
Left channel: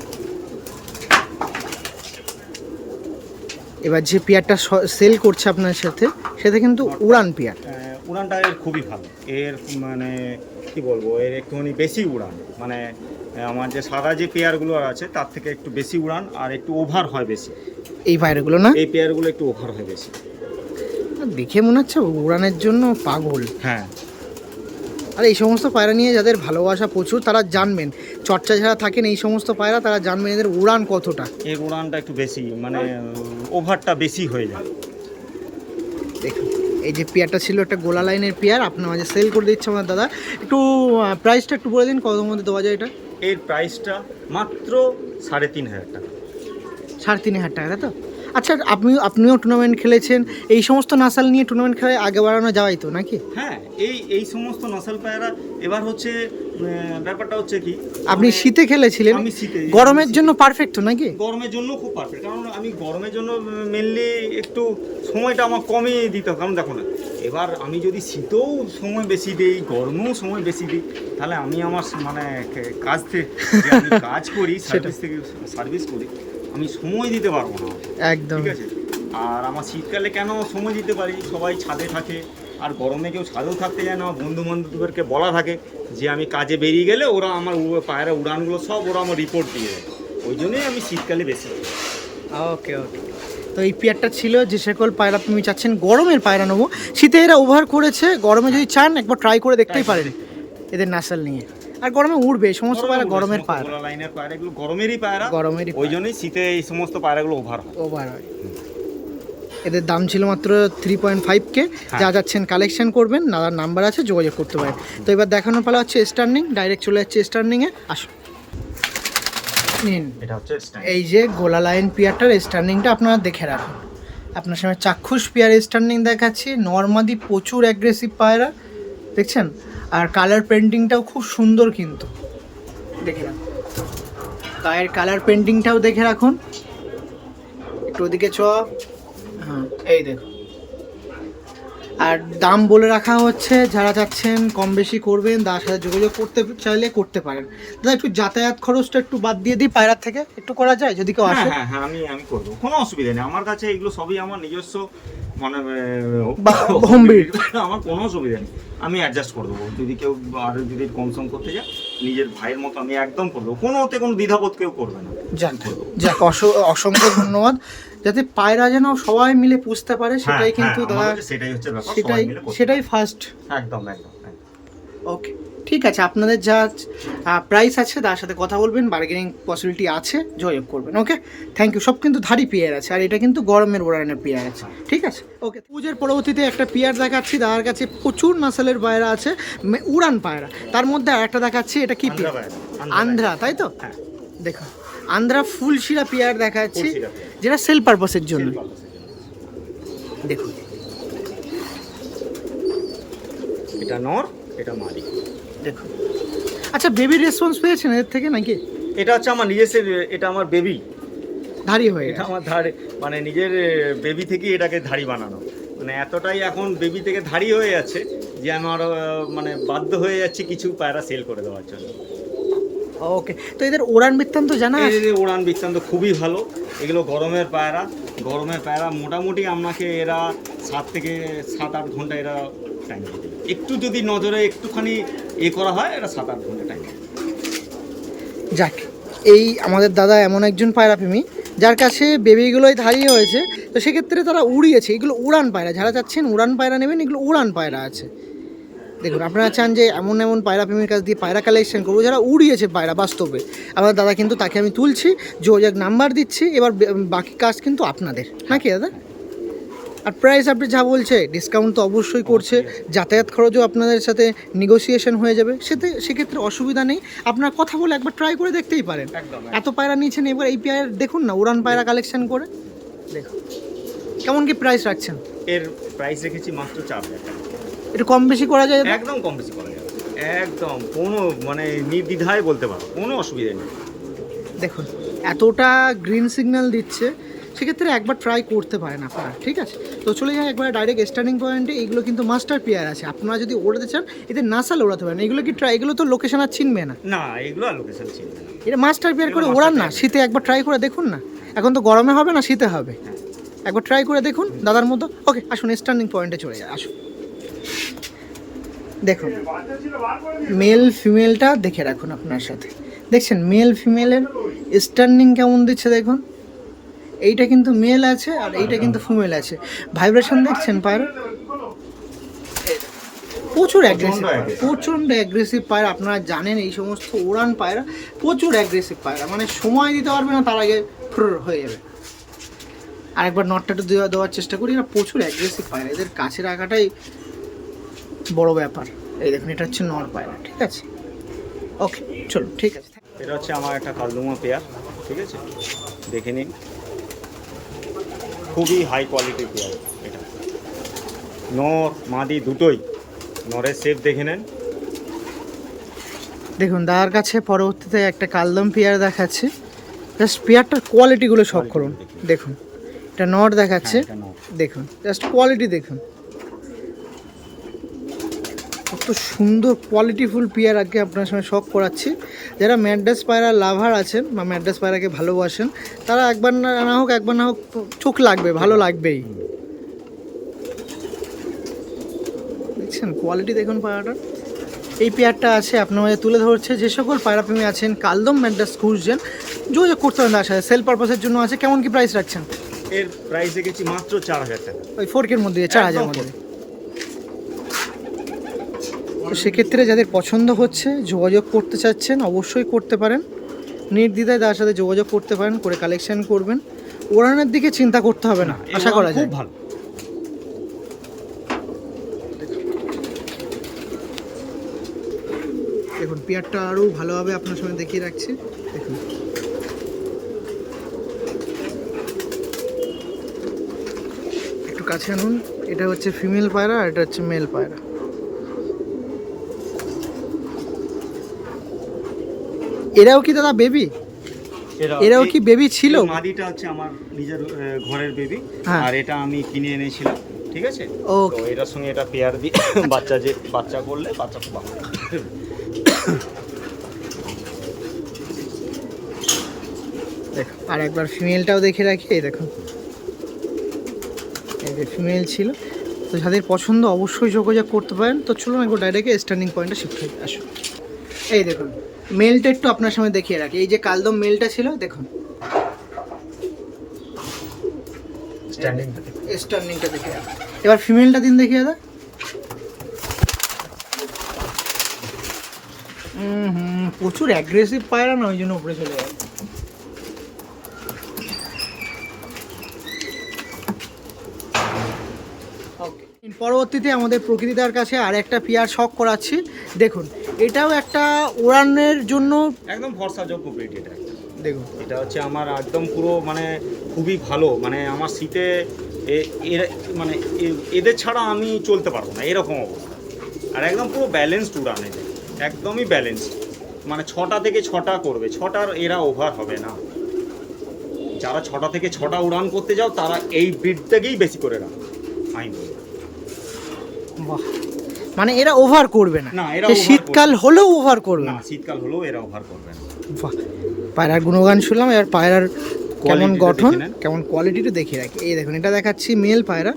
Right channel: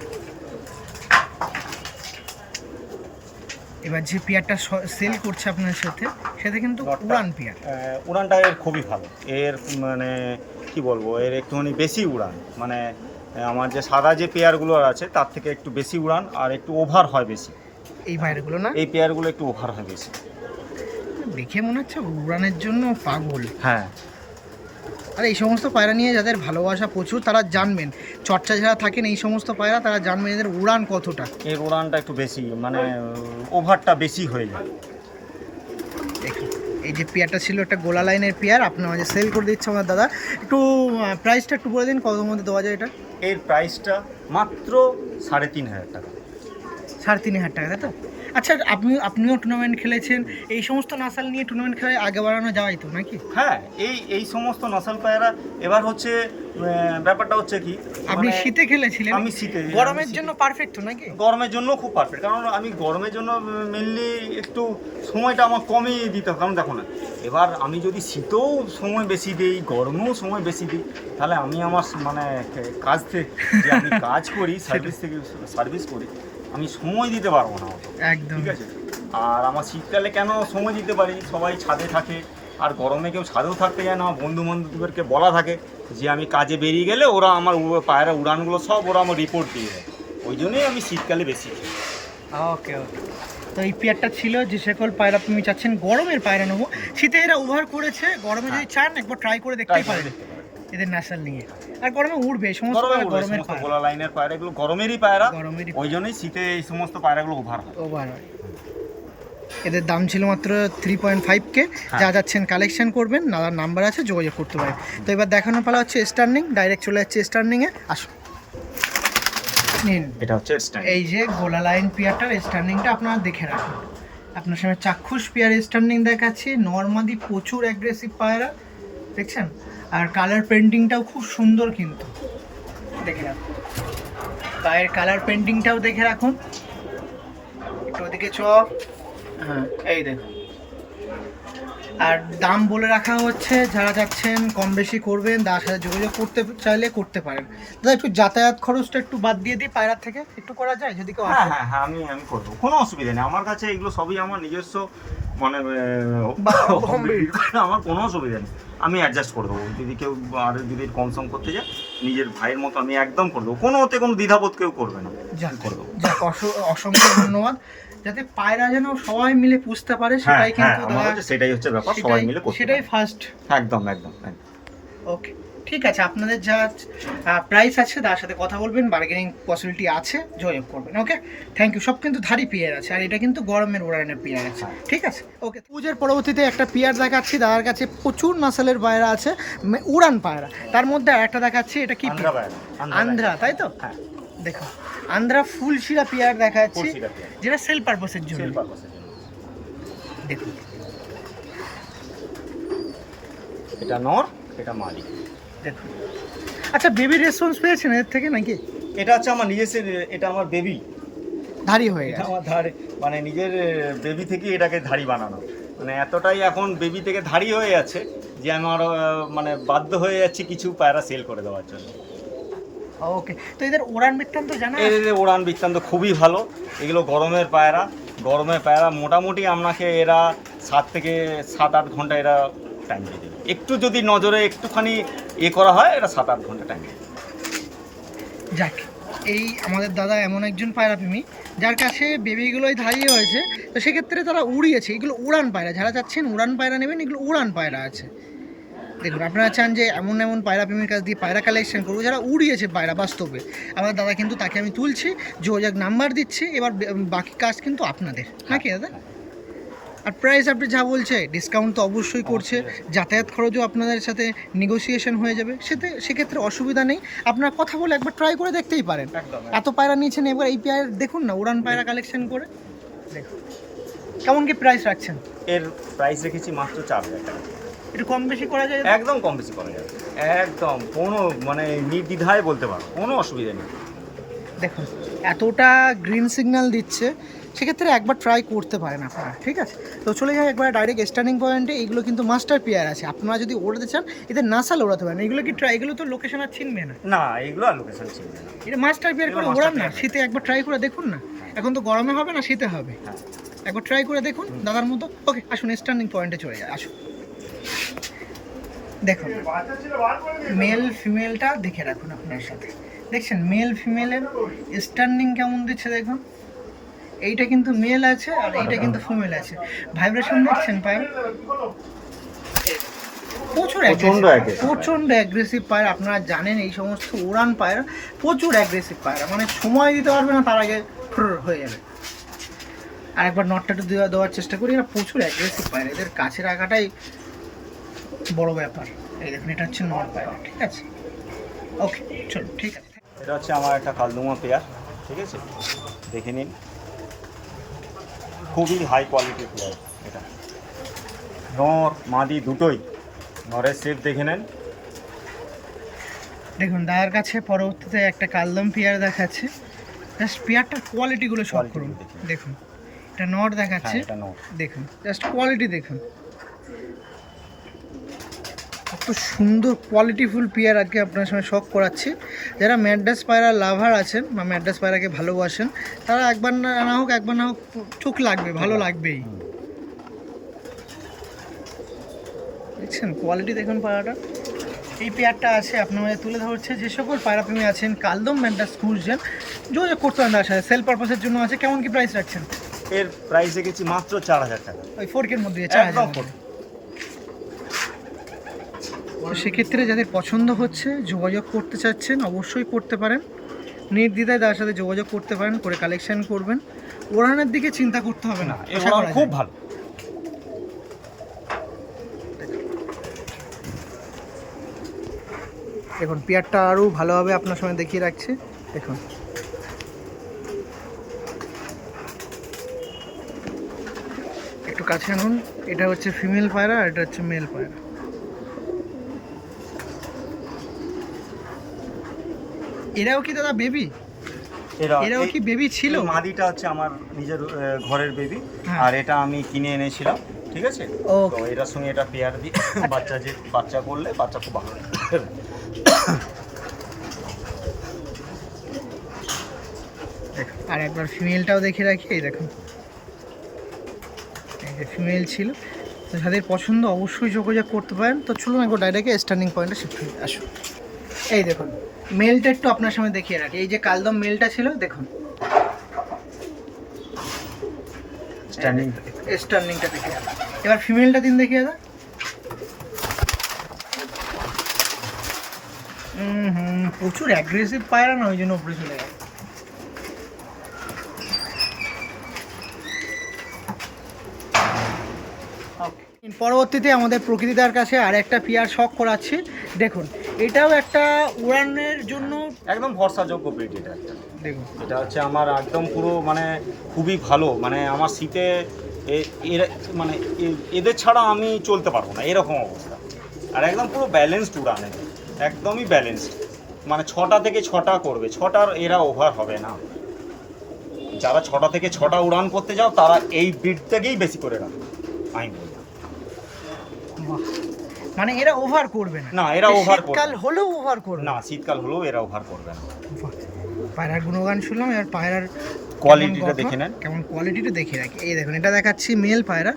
এবার যে পেয়ারটা সেল করছে আপনার সাথে সেটা কিন্তু উড়ান পেয়ার। উড়ানটা এর খুবই ভালো, এর মানে কি বলবো, এর একটুখানি বেশি উড়ান, মানে আমার যে সাদা যে পেয়ারগুলো আছে তার থেকে একটু বেশি উড়ান আর একটু ওভার হয় বেশি। এই পায়রাগুলো না, এই পেয়ারগুলো একটু ওভার হয় বেশি। দেখে মনে হচ্ছে উড়ানের জন্য পাগল। হ্যাঁ, আর এই সমস্ত পায়রা নিয়ে যাদের ভালোবাসা প্রচুর তারা জানবেন, চর্চা যারা থাকেন এই সমস্ত পায়রা তারা জানবেন এদের উড়ান কতটা। এর উড়ানটা একটু বেশি, মানে ওভারটা বেশি হয়ে যায়। দেখুন এই যে পেয়ারটা ছিল একটা গোলা লাইনের পেয়ার আপনার মাঝে সেল করে দিচ্ছে আমার দাদা। একটু প্রাইসটা একটু বলে দিন কতর মধ্যে দেওয়া যায় এটা? এর প্রাইসটা মাত্র 3,500 টাকা। 3,500 টাকা, তাই তো? আচ্ছা আপনিও টুর্নামেন্ট খেলেছেন, এই সমস্ত নাসাল নিয়ে টুর্নামেন্ট খেলে আগে বাড়ানো যাওয়াই তো নাকি? হ্যাঁ, এই সমস্ত নসল পায়রা এবার হচ্ছে ব্যাপারটা হচ্ছে কি, আপনি মানে শীতে খেলেছিলেন, আমি শীতে, গরমের জন্য পারফেক্ট তো নাকি? গরমের জন্য খুব পারফেক্ট, কারণ আমি গরমের জন্য মেনলি একটু সময়টা আমার কমই দিতে হবে। কারণ দেখো না, এবার আমি যদি শীতেও সময় বেশি দিই, গরমেও সময় বেশি দিই, তাহলে আমি আমার মানে কাজ থেকে যে আমি কাজ করি, সার্ভিস করি, আমি সময় দিতে পারবো না অত। একদম ঠিক আছে। আর আমার শীতকালে কেন সময় দিতে পারি, সবাই ছাদে থাকে, আর গরমে কেউ ছাদেও থাকতে যায় না। বন্ধু বান্ধবদেরকে বলা থাকে যে আমি কাজে বেরিয়ে গেলে ওরা আমার পায়রা উড়ানগুলো সব ওরা আমার রিপোর্ট দিয়ে দেয়, ওই জন্যই আমি শীতকালে বেশি খেলি। ওকে ওকে। তো এই পেয়ারটা ছিল যে সকল পায়রা তুমি চাচ্ছেন গরমের পায়রা নেবো, শীতে এরা ওভার করেছে, গরমে যদি চান একবার ট্রাই করে দেখতেই পারেন এদের নাসাল নিয়ে। আর গরমে উড়বে সমস্ত পায়রা, গরমের পায়রা, গোলা লাইনের পায়রা এগুলো গরমেরই পায়রা, গরমেরই ওই জন্যই শীতে এই সমস্ত পায়রাগুলো ওভার হয়। ওভার হয়। এদের দাম ছিল মাত্র 3.5K। যা যাচ্ছেন কালেকশন করবেন, দাদার নাম্বার আছে যোগাযোগ করতে পারেন। তো এবার দেখানোর পালা হচ্ছে স্টার্নিং, ডাইরেক্ট চলে যাচ্ছে স্টার্নিংয়ে। আসুন নিন, এটা হচ্ছে এই যে গোলা লাইন পিয়ারটার স্টার্নিংটা আপনারা দেখে রাখুন। আপনার সামনে চাক্ষুষ পিয়ার স্টার্নিং দেখাচ্ছি, নর্মাদি প্রচুর অ্যাগ্রেসিভ পায়রা দেখছেন, আর কালার পেন্টিংটাও খুব সুন্দর কিন্তু দেখে রাখুন। গায়ের কালার পেন্টিংটাও দেখে রাখুন, একটু ওদিকে চ। হ্যাঁ এই দেখুন। আর দাম বলে রাখা হচ্ছে, যারা চাচ্ছেন কম বেশি করবেন তার সাথে যোগাযোগ করতে চাইলে করতে পারেন। দাদা একটু যাতায়াত খরচটা একটু বাদ দিয়ে দিই, পায়রার থেকে একটু করা যায় যদি কেউ আসে? হ্যাঁ হ্যাঁ, আমি করবো, কোনো অসুবিধা নেই। আমার কাছে এগুলো সবই আমার নিজস্ব, মানে আমার কোনো অসুবিধা নেই, আমি অ্যাডজাস্ট করে দেবো। যদি কেউ আর যদি কম সম করতে যায়, নিজের ভাইয়ের মতো আমি একদম করে দেবো, কোনো ওতে কোনো দ্বিধাবোধ কেউ করবে না। যাক অসংখ্য ধন্যবাদ। যাতে পায়রা যেন সবাই মিলে পুষতে পারে সেটাই কিন্তু দাদা, সেটাই হচ্ছে ব্যাপার, সবাই মিলে সেটাই ফার্স্ট। একদম। ওকে ঠিক আছে, আপনাদের যা প্রাইস আছে তার সাথে কথা বলবেন, বার্গেনিং পসিবিলিটি আছে, যোগাযোগ করবেন। Okay thank you. সব কিন্তু ধারি পিয়ার আছে, আর এটা কিন্তু গরমের উড়ানের পিয়ার আছে, ঠিক আছে। ওকে, পুজোর পরবর্তীতে একটা পিয়ার দেখাচ্ছি, দাদার কাছে প্রচুর নাসালের পায়রা আছে, উড়ান পায়রা। তার মধ্যে আর একটা দেখাচ্ছি, এটা কি আন্ধ্রা, তাই তো? দেখুন আন্ধ্রা ফুল শিরা পিয়ার দেখাচ্ছি, যেটা সেল পারপাসের জন্য। দেখুন এটা নর, এটা মাদি। দেখুন আচ্ছা, বেবির রেসপন্স পেয়েছেন এর থেকে নাকি? এটা হচ্ছে আমার নিজস্ব, এটা আমার বেবি ধাড়ি হয়ে গেছে, আমার ধারে মানে নিজের বেবি থেকে এটাকে ধাড়ি বানানো, মানে এতটাই এখন বেবি থেকে ধাড়ি হয়ে যাচ্ছে যে আমার মানে বাধ্য হয়ে যাচ্ছি কিছু পায়রা সেল করে দেওয়ার জন্য। ওকে, তো এদের উড়ান বৃত্তান্ত জানা? এদের উড়ান বৃত্তান্ত খুবই ভালো। এগুলো গরমের পায়রা মোটামুটি আপনাকে এরা 7 থেকে 7-8 ঘন্টা এরা টাইম দিয়ে দেবে। একটু যদি নজরে একটুখানি করা হয়, এরা 7-8 ঘন্টা টাইম দেবে। যাক, এই আমাদের দাদা এমন একজন পায়রা প্রেমী যার কাছে বেবিগুলোই ধারিয়ে হয়েছে, তো সেক্ষেত্রে তারা উড়িয়েছে। এগুলো উড়ান পায়রা, যারা চাচ্ছেন উড়ান পায়রা নেবেন, এগুলো উড়ান পায়রা আছে। দেখুন আপনারা চান যে এমন পায়রা প্রেমীর কাছ দিয়ে পায়রা কালেকশন করবো যারা উড়িয়েছে পায়রা বাস্তবে, আমার দাদা কিন্তু তাকে আমি তুলছি, যোগাযোগ নাম্বার দিচ্ছি। এবার বাকি কাজ কিন্তু আপনাদের নাকি দাদা? আর প্রাইস আপনি যা বলছে ডিসকাউন্ট তো অবশ্যই করছে, যাতায়াত খরচও আপনাদের সাথে নেগোসিয়েশন হয়ে যাবে, সেক্ষেত্রে অসুবিধা নেই। আপনার কথা বলে একবার ট্রাই করে দেখতেই পারেন। একদম এত পায়রা নিয়েছেন, এবার এই পেয়ার দেখুন না, উড়ান পায়রা কালেকশন করে দেখুন কেমন কি প্রাইস রাখছেন। এর প্রাইস রেখেছি মাত্র 4,000 টাকা। একটু কম বেশি করা যায়? একদম কম বেশি করা যাবে, একদম কোনো মানে নির্দ্বিধায় বলতে পারো, কোনো অসুবিধা নেই। দেখুন এতটা গ্রিন সিগন্যাল দিচ্ছে, সেক্ষেত্রে একবার ট্রাই করতে পারেন আপনারা, ঠিক আছে? তো চলে যায় একবার ডাইরেক্ট স্টার্নিং পয়েন্টে। এইগুলো কিন্তু মাস্টার পেয়ার আছে, আপনারা যদি ওড়াতে চান এদের নাসাল ওড়াতে পারেন। এগুলো কি ট্রাই, এগুলো তো লোকেশন আর চিনবে না, না এগুলো আর লোকেশন চিনবে না। এটা মাস্টার পেয়ার করে ওড়ান না, শীতে একবার ট্রাই করে দেখুন না। এখন তো গরমে হবে না, শীতে হবে, হ্যাঁ একবার ট্রাই করে দেখুন দাদার মতো। ওকে আসুন স্টার্নিং পয়েন্টে চলে যায়, আসুন। দেখুন মেল ফিমেলটা দেখে রাখুন আপনার সাথে, দেখছেন মেল ফিমেলের স্টার্নিং কেমন দিচ্ছে দেখুন। এইটা কিন্তু মেল আছে আর এইটা কিন্তু ফিমেল আছে। ভাইব্রেশন দেখছেন পায়রা, প্রচুর অ্যাগ্রেসিভ, প্রচণ্ড অ্যাগ্রেসিভ পায়রা। আপনারা জানেন এই সমস্ত উড়ান পায়রা প্রচুর অ্যাগ্রেসিভ পায়রা, মানে সময় দিতে পারবে না তার আগে ফ্রর হয়ে যাবে। আর একবার নটটা একটু দেওয়ার চেষ্টা করি, এরা প্রচুর অ্যাগ্রেসিভ পায়রা, এদের কাছে রাখাটাই বড় ব্যাপার। এই দেখুন এটা হচ্ছে নর পায়রা, ঠিক আছে? ওকে চলো ঠিক আছে। এটা হচ্ছে আমার একটা কালদুমা পেয়ার, ঠিক আছে? দেখে নিন, খুবই হাই কোয়ালিটির পেয়ার এটা। নর মাদি দুটোই, নরের শেপ দেখে নেন। দেখুন দাদার কাছে পরবর্তীতে একটা কালদম পেয়ার দেখাচ্ছে, জাস্ট পেয়ারটার কোয়ালিটিগুলো সব করুন। দেখুন এটা নট দেখাচ্ছে, এটা নর। দেখুন জাস্ট কোয়ালিটি দেখুন, কত সুন্দর কোয়ালিটিফুল পেয়ার আজকে আপনার সঙ্গে শখ করাচ্ছি। যারা ম্যাড্রাস পায়রা লাভার আছেন বা ম্যাড্রাস পায়রাকে ভালোবাসেন, তারা একবার না হোক একবার না হোক চোখ লাগবে, ভালো লাগবেই। দেখছেন কোয়ালিটি দেখুন পায়রাটা। এই পেয়ারটা আছে আপনার মাঝে তুলে ধরছে। যে সকল পায়রাপ্রেমী আছেন কালদম ম্যাড্রাস খুঁজছেন, যোগাযোগ করতে পারেন তার সাথে, সেল পারপাসের জন্য আছে। কেমন কি প্রাইস রাখছেন? এর প্রাইস রেখেছি মাত্র 4,000 টাকা। ওই 4K মধ্যে, 4,000 একদম মধ্যে। তো সেক্ষেত্রে যাদের পছন্দ হচ্ছে, যোগাযোগ করতে চাচ্ছেন, অবশ্যই করতে পারেন, নির্দ্বিধায় তার সাথে যোগাযোগ করতে পারেন, করে কালেকশন করবেন। ওড়ানের দিকে চিন্তা করতে হবে না, আশা করা খুব যায়। ভালো। দেখুন পেয়ারটা আরও ভালোভাবে আপনার সঙ্গে দেখিয়ে রাখছি, দেখুন একটু কাছে আনুন। এটা হচ্ছে ফিমেল পায়রা আর এটা হচ্ছে মেল পায়রা। এরাও কি দাদা বেবি? এরাও কি বেবি ছিল? মাদিটা হচ্ছে আমার নিজের ঘরের বেবি, হ্যাঁ। আর এটা আমি কিনে এনেছিলাম, ঠিক আছে? ওকে। তো এটার সঙ্গে এটা পেয়ার দিয়ে বাচ্চা করলে বাচ্চা খুব ভালো লাগে। দেখুন আর একবার ফিমেলটাও দেখে রাখি, এই দেখুন এই যে ফিমেল ছিল। তো যাদের পছন্দ অবশ্যই যোগাযোগ করতে পারেন। তো চলুন একবার ডাইরেক্ট স্টার্নিং পয়েন্টে শিফট হয়ে আসুন। এই দেখুন মেলটা একটু আপনার সামনে দেখিয়ে রাখি। এই যে কালদম মেলটা ছিল, দেখুন স্টার্নিংটা দেখে রাখি। এবার ফিমেলটা দিন দেখিয়ে দাদা। প্রচুর অ্যাগ্রেসিভ পায়রা না, ওই জন্য উপরে চলে গেল। পরবর্তীতে আমাদের প্রকৃতিদার কাছে আর একটা পেয়ার শখ করাচ্ছি। দেখুন এটাও একটা উড়ানের জন্য একদম ভরসাযোগ্য ব্রিড এটা একটা। দেখুন এটা হচ্ছে আমার একদম পুরো মানে খুবই ভালো, মানে আমার শীতে মানে এদের ছাড়া আমি চলতে পারবো না, এরকম অবস্থা। আর একদম পুরো ব্যালেন্সড উড়ান, এদের একদমই ব্যালেন্সড, মানে 6টা থেকে 6টা করবে, 6টার এরা ওভার হবে না। যারা 6টা থেকে 6টা উড়ান করতে যাও তারা এই ব্রিডটাকেই বেশি করে রাখো, আমি বলবো। বাহ, মানে এরা ওভার করবে না? না, এরা over শীতকাল করবে হলেও ওভার করবে না, শীতকাল হলেও এরা ওভার করবে না। বাহ, পায়রার গুণগান শুনলাম, এবার পায়রার কেমন কোয়ালিটিটা গঠন, দেখে নেন। কেমন কোয়ালিটিটা দেখে রাখি। এই দেখুন এটা দেখাচ্ছি মেল পায়রা,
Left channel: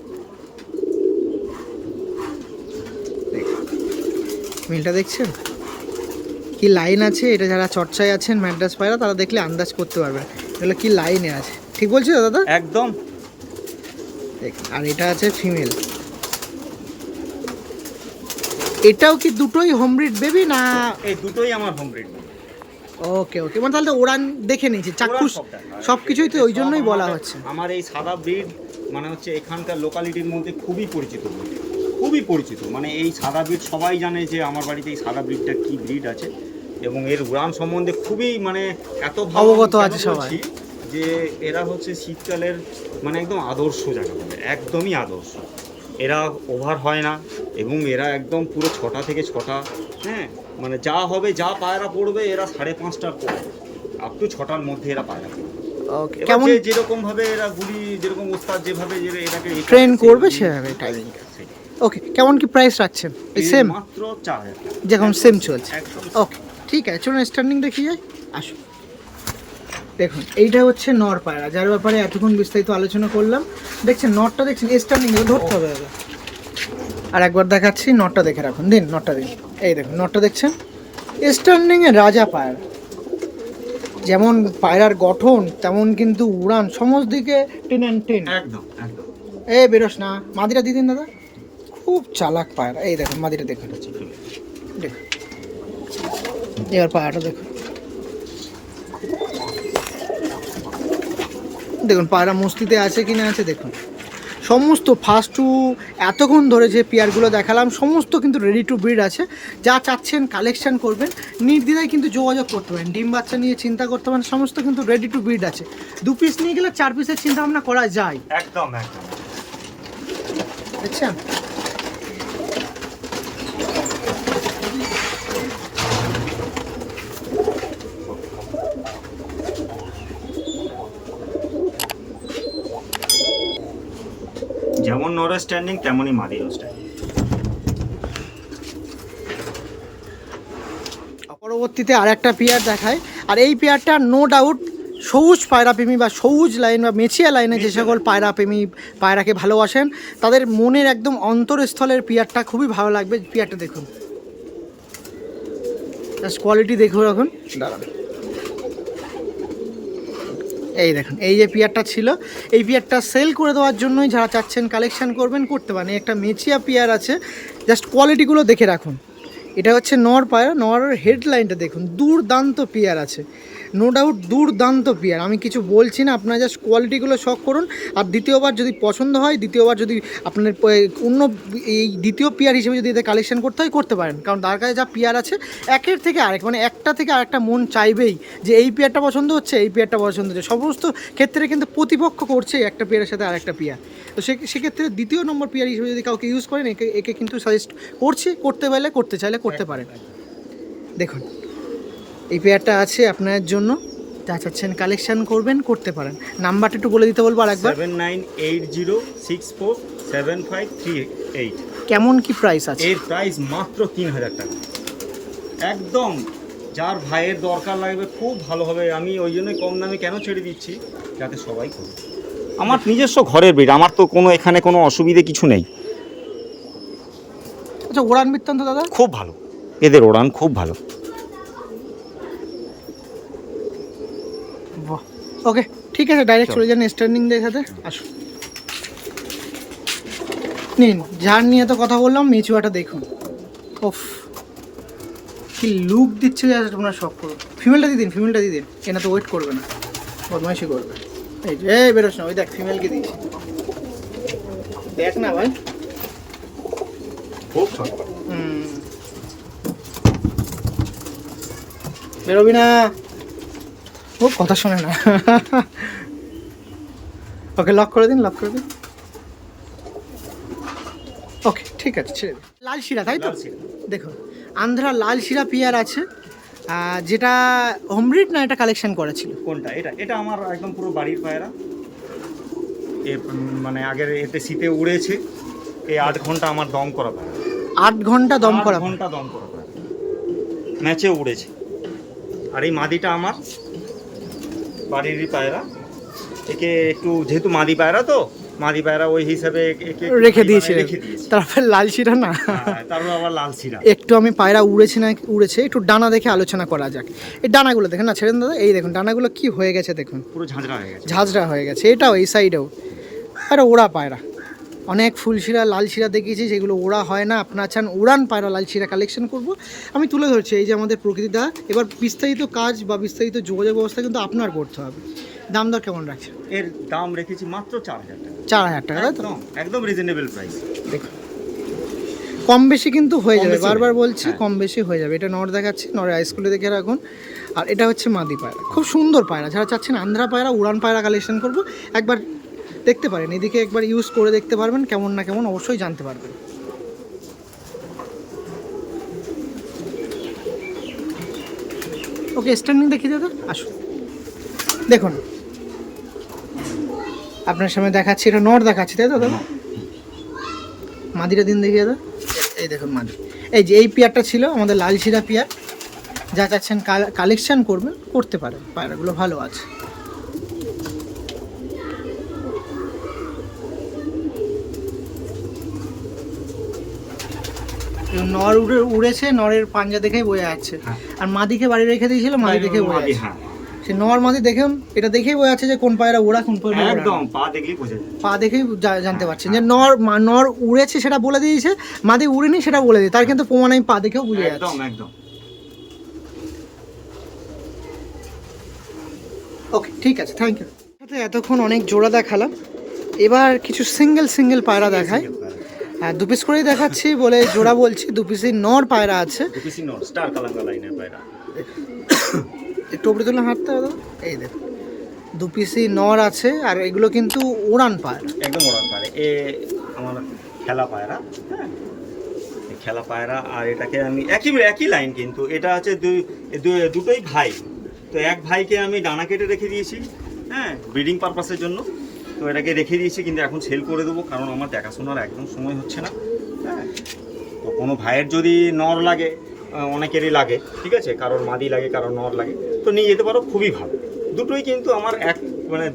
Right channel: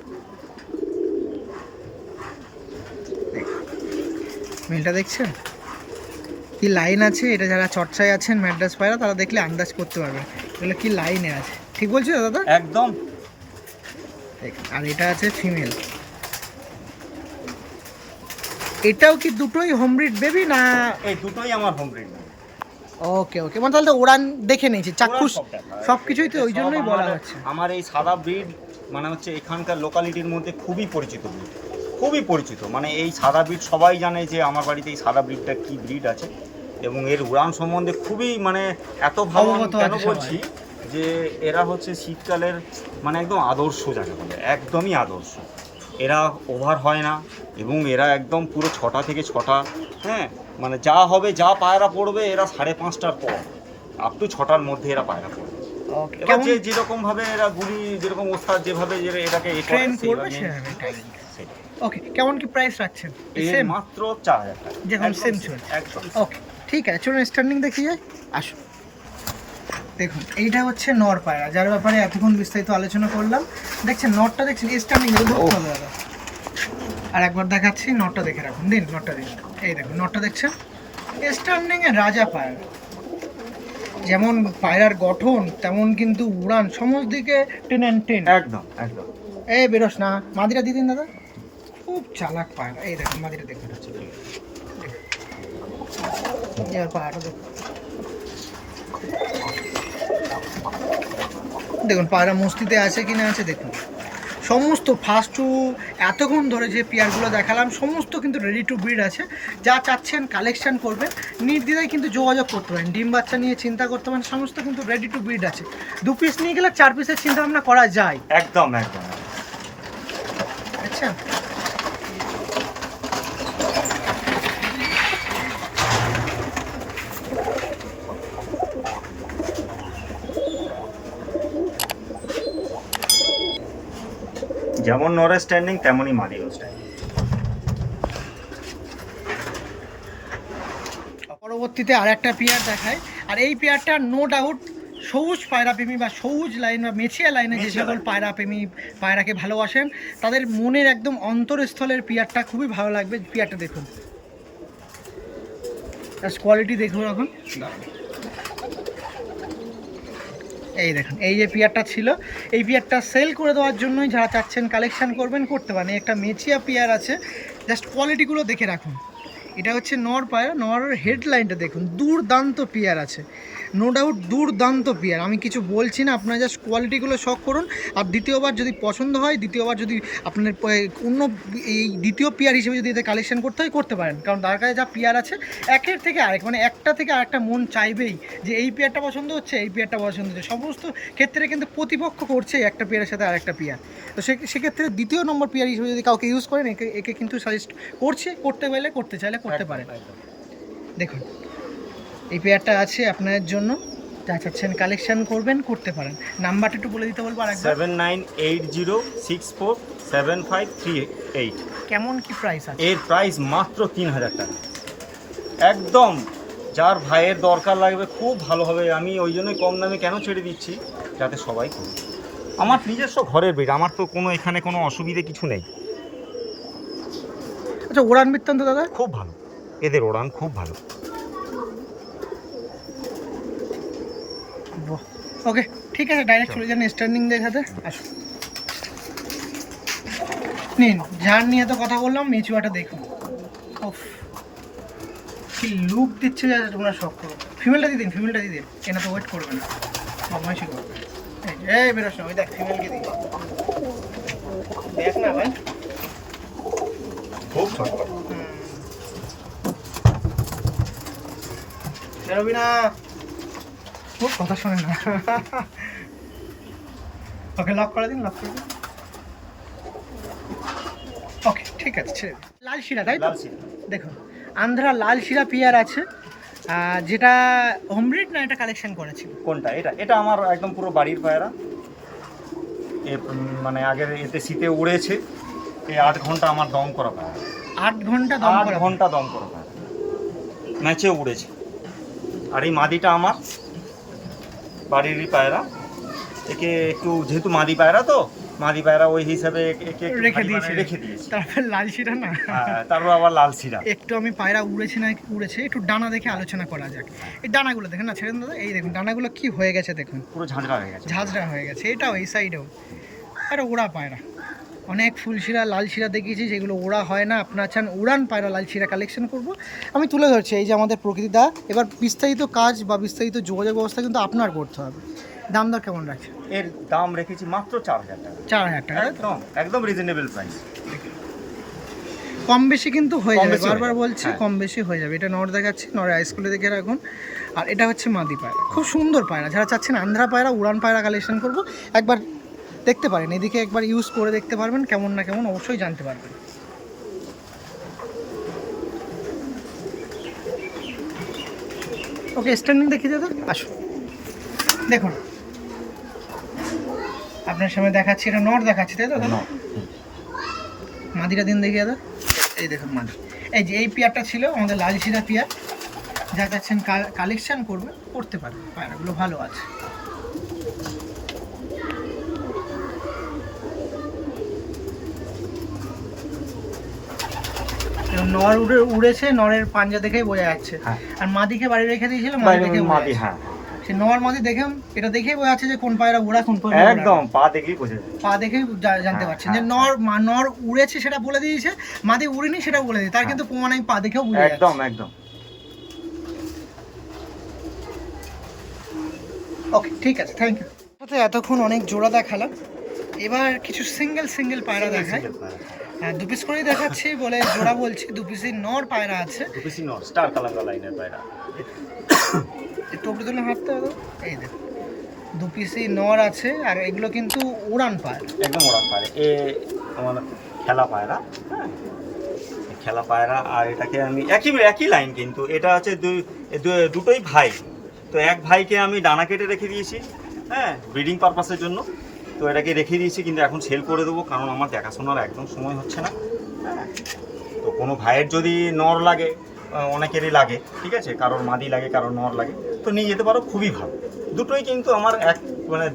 মেলটা দেখছেন কি লাইন আছে? এটা যারা চর্চায় আছেন ম্যাড্রাস পায়রা, তারা দেখলে আন্দাজ করতে পারবে এগুলো কি লাইনে আছে। ঠিক বলছি তো দাদা? একদম। আর এটা আছে ফিমেল। এটাও কি দুটোই হোম ব্রিড বেবি না? এই দুটোই আমার হোম ব্রিড না। ওকে ওকে, মানে তাহলে তো উড়ান দেখে নিয়েছি, চাক্ষুষ ওরা সব দেখায়। সব কিছুই তো ওই সব জন্যই বলা আমাদের- হচ্ছে। আমার এই সাদা ব্রিড মানে হচ্ছে এখানকার লোকালিটির মধ্যে খুবই পরিচিত ব্রিড, খুবই পরিচিত। মানে এই সাদা ব্রিড সবাই জানে যে আমার বাড়িতে এই সাদা ব্রিডটা কি ব্রিড আছে, এবং এর উড়ান সম্বন্ধে খুবই মানে এত ভালো আমি অবগত কেন আছে সবাই। বলছি যে এরা হচ্ছে শীতকালের মানে একদম আদর্শ যাকে বলে, একদমই আদর্শ। এরা ওভার হয় না, এবং এরা একদম পুরো 6টা থেকে 6টা, হ্যাঁ মানে যা হবে যা পায়রা পড়বে এরা 5:30টার পর আপ টু 6টার মধ্যে এরা পায়রা পড়বে। ওকে, এবার কেমন যে যেরকম ভাবে এরা গুলি, যেরকম ওস্তাদ যেভাবে এটাকে ট্রেন করবে সেভাবে টাইমিং। ওকে, কেমন কি প্রাইস রাখছেন? এই সেম মাত্র 4000 টাকা, যেরকম একদম সেম same, চলছে। একদম ওকে ঠিক আছে, চলুন স্টার্নিং দেখি যাই, আসুন। দেখুন এইটা হচ্ছে নর পায়রা, যার ব্যাপারে এতক্ষণ বিস্তারিত আলোচনা করলাম। দেখছেন নরটা, দেখছেন স্টার্নিং ধরতে হবে দাদা। আর একবার দেখাচ্ছি, নরটা দেখে রাখুন, দিন নরটা দিন। এই দেখুন নরটা দেখছেন, স্টার্নিংয়ে রাজা পায়রা। যেমন পায়রার গঠন তেমন কিন্তু উড়ান, সমস্ত দিকে 10 and 10। একদম একদম। এই বেরোস না, মাদিরা দিয়ে দিন দাদা, খুব চালাক পায়রা। এই দেখুন মাদিরা দেখে দেখুন, এবার পায়রাটা দেখুন, দেখুন পায়রা মস্তিতে আছে কি না আছে দেখুন। সমস্ত ফার্স্ট টু এতক্ষণ ধরে যে পেয়ারগুলো দেখালাম সমস্ত কিন্তু রেডি টু ব্রিড আছে। যা চাচ্ছেন কালেকশন করবেন, নির্দ্বিধায় কিন্তু যোগাযোগ করতে পারেন। ডিম বাচ্চা নিয়ে চিন্তা করতে পারেন, সমস্ত কিন্তু রেডি টু ব্রিড আছে। 2 পিস নিয়ে গেলে 4 পিসের চিন্তা ভাবনা করা যায়। একদম একদম। আচ্ছা, যেমন নরের স্ট্যান্ডিং তেমনই মাদিরও স্ট্যান্ডিং। পরবর্তীতে আর একটা পেয়ার দেখায়, আর এই পেয়ারটা নো ডাউট সবুজ পায়রাপ্রেমী বা সবুজ লাইন বা মেছিয়া লাইনে যে সকল পায়রাপ্রেমী পায়রাকে ভালোবাসেন তাদের মনের একদম অন্তরস্থলের পেয়ারটা খুবই ভালো লাগবে। পেয়ারটা দেখুন, জাস্ট কোয়ালিটি দেখুন এখন, দাঁড়ান। এই দেখুন, এই যে পেয়ারটা ছিল, এই পেয়ারটা সেল করে দেওয়ার জন্যই যারা চাচ্ছেন কালেকশন করবেন করতে পারেন। একটা মেচিয়া পেয়ার আছে, জাস্ট কোয়ালিটিগুলো দেখে রাখুন। এটা হচ্ছে নর পায়রা, নরের হেডলাইনটা দেখুন, দুর্দান্ত পেয়ার আছে, নো ডাউট দুর্দান্ত পেয়ার। আমি কিছু বলছি না, আপনারা জাস্ট কোয়ালিটিগুলো শখ করুন। আর দ্বিতীয়বার যদি পছন্দ হয়, দ্বিতীয়বার যদি আপনার অন্য এই দ্বিতীয় পেয়ার হিসেবে যদি এদের কালেকশন করতে হয় করতে পারেন, কারণ তার কাছে যা পেয়ার আছে একের থেকে আরেক, মানে একটা থেকে আরেকটা মন চাইবেই যে এই পেয়ারটা পছন্দ হচ্ছে, এই পেয়ারটা পছন্দ হচ্ছে। সমস্ত ক্ষেত্রে কিন্তু প্রতিপক্ষ করছে একটা পেয়ারের সাথে আরেকটা পেয়ার। তো সেক্ষেত্রে দ্বিতীয় নম্বর পেয়ার হিসেবে যদি কাউকে ইউজ করেন, একে কিন্তু সাজেস্ট করছি, করতে পারলে করতে চাইলে করতে পারেন। দেখুন এই পেয়ারটা আছে আপনাদের জন্য, যা চাচ্ছেন কালেকশন করবেন করতে পারেন। নাম্বারটা একটু বলে দিতে বলবো আরেকবার। 7980647538। কেমন কি প্রাইস আছে? এর প্রাইস মাত্র 3000 টাকা। একদম যার ভাইয়ের দরকার লাগবে খুব ভালো হবে। আমি ওই জন্যই কম দামে কেন ছেড়ে দিচ্ছি, যাতে সবাই করুক। আমার নিজস্ব ঘরের ব্রিড, আমার তো কোনো এখানে কোনো অসুবিধে কিছু নেই। আচ্ছা উড়ান বৃত্তান্ত দাদা? খুব ভালো, এদের ওড়ান খুব ভালো। ওকে ঠিক আছে, ডাইরেক্ট চলে যান স্ট্যান্ডিং দেখাতে, আসুন। নিন, যার নিয়ে তো কথা বললাম, মেচুয়াটা দেখুন, ওফ কি লুক দিচ্ছে, যা তোমরা সব করো। ফিমেলটা দিয়ে দিন, ফিমেলটা দিয়ে দিন, এনা তো ওয়েট করবে না, বদমাইশি করবে। এই যে এই বেরোস না, ওই দেখ ফিমেলকে দিয়েছি, দেখ না ভাই, খুব ছোট। বেরোবি না, ও কথা শোনে না। ওকে লক করে দিন, লক করে দিন। ওকে ঠিক আছে, ছেড়ে দিন। লাল শিরা তাই তো? লাল শিরা। দেখুন আন্ধ্রা লাল শিরা পেয়ার আছে, যেটা হোমব্রিড না এটা কালেকশন করেছিল? কোনটা? এটা এটা আমার একদম পুরো বাড়ির পায়রা। মানে আগের এতে শীতে উড়েছে, এই 8 ঘন্টা আমার দম করা পায়রা। 8 ঘন্টা দম করা? 8 ঘন্টা দম করা পায়রা, ম্যাচে উড়েছে। আর এই মাদিটা আমার বাড়িরই পায়রা। একে একটু যেহেতু মাদি পায়রা, তো মাদি পায়রা ওই হিসাবে একে একটু রেখে ভারী বানায় দিয়েছে, রেখে দিয়েছি। তারপর লাল শিরা না, তারপর আবার লাল শিরা। একটু আমি পায়রা উড়েছে না উড়েছে একটু ডানা দেখে আলোচনা করা যাক। এই ডানাগুলো দেখেন না, ছেড়ে দিন দাদা, এই দেখুন ডানাগুলো কি হয়ে গেছে দেখুন, পুরো ঝাঁঝরা হয়ে গেছে। ঝাঁঝরা হয়ে গেছে। এটাও এই সাইডেও, আরে ওড়া পায়রা, অনেক ফুলশিরা লাল শিরা দেখিয়েছি, সেগুলো ওড়া হয় না। আপনার চান উড়ান পায়রা লাল শিরা কালেকশন করব, আমি তুলে ধরছি। এই যে আমাদের প্রকৃতিদা, এবার বিস্তারিত কাজ বা বিস্তারিত যোগাযোগ ব্যবস্থা কিন্তু আপনার করতে হবে। দাম দর কেমন রাখছে? এর দাম রেখেছি মাত্র 4000 টাকা। 4000 টাকা, তাই তো? একদম একদম রিজনেবল প্রাইস। দেখুন কম বেশি কিন্তু হয়ে কম যাবে, বেশি হয়ে বারবার যাবে, বলছি হ্যাঁ। কম বেশি হয়ে যাবে। এটা নর দেখাচ্ছি, নরের আইসকুলে দেখে রাখুন। আর এটা হচ্ছে মাদি পায়রা, খুব সুন্দর পায়রা। যারা চাচ্ছেন আন্ধ্রা পায়রা, উড়ান পায়রা কালেকশন করব, একবার দেখতে পারেন, এদিকে একবার ইউজ করে দেখতে পারবেন, কেমন না কেমন অবশ্যই জানতে পারবেন। ওকে, স্ট্যান্ডিং দেখিয়ে দাদা, আসুন। দেখুন আপনার সামনে দেখাচ্ছি, এটা নর দেখাচ্ছি, তাই তো দাদা? মাদিটা দিন দেখিয়ে দাদা। এই দেখুন মাদি, এই যে এই পেয়ারটা ছিল আমাদের লাল শিরা পেয়ার। যা চাচ্ছেন কালেকশন করবেন, করতে পারেন, পায়রাগুলো ভালো আছে। এবং নর উড়েছে, নরের পাঞ্জা দেখেই বোঝা যাচ্ছে। হ্যাঁ। আর মাদিকে বাড়ি রেখে দিয়েছিল, মাদি দেখে বোঝা মাদি, যাচ্ছে। হ্যাঁ সে নর মাদি দেখুন, এটা দেখেই বোঝা যাচ্ছে যে কোন পায়রা ওড়া, কোন পায়রা ওড়া না। একদম পা দেখলেই বোঝা যায়। পা দেখেই জানতে পারছেন যে হ্যাঁ, নর উড়েছে সেটা বলে দিয়েছে, মাদি উড়েনি সেটা বলে দিয়েছে। তার কিন্তু প্রমাণ আমি পা দেখেও বুঝে যাচ্ছি। একদম একদম। ওকে, ঠিক আছে, থ্যাংক ইউ। এতক্ষণ অনেক জোড়া দেখালাম, এবার কিছু সিঙ্গেল পায়রা দেখাই। হ্যাঁ, 2 পিস করেই দেখাচ্ছি বলে জোড়া বলছি। 2 পিসের নর পায়রা আছে। দুপিসি নর স্টার কালাঙ্গা লাইনের পায়রা। একটু উপরে তুলে হাঁটতে হবে, এই দেখুন 2 পিসই নর আছে। আর এগুলো কিন্তু উড়ান পায়রা, একদম ওড়ান পায়রা। এ আমার খেলা পায়রা, হ্যাঁ এই খেলা পায়রা। আর এটাকে আমি একই লাইন, কিন্তু এটা হচ্ছে দুটোই ভাই। তো এক ভাইকে আমি ডানা কেটে রেখে দিয়েছি, হ্যাঁ ব্রিডিং পারপাসের জন্য। তো এটাকে রেখে দিয়েছি, কিন্তু এখন সেল করে দেবো, কারণ আমার দেখাশোনার একদম সময় হচ্ছে না। হ্যাঁ, তো কোনো ভাইয়ের যদি নর লাগে, অনেকেরই লাগে, ঠিক আছে, কারোর মাদি লাগে, কারোর নর লাগে, তো নিয়ে যেতে পারো, খুবই ভালো। দুটোই কিন্তু আমার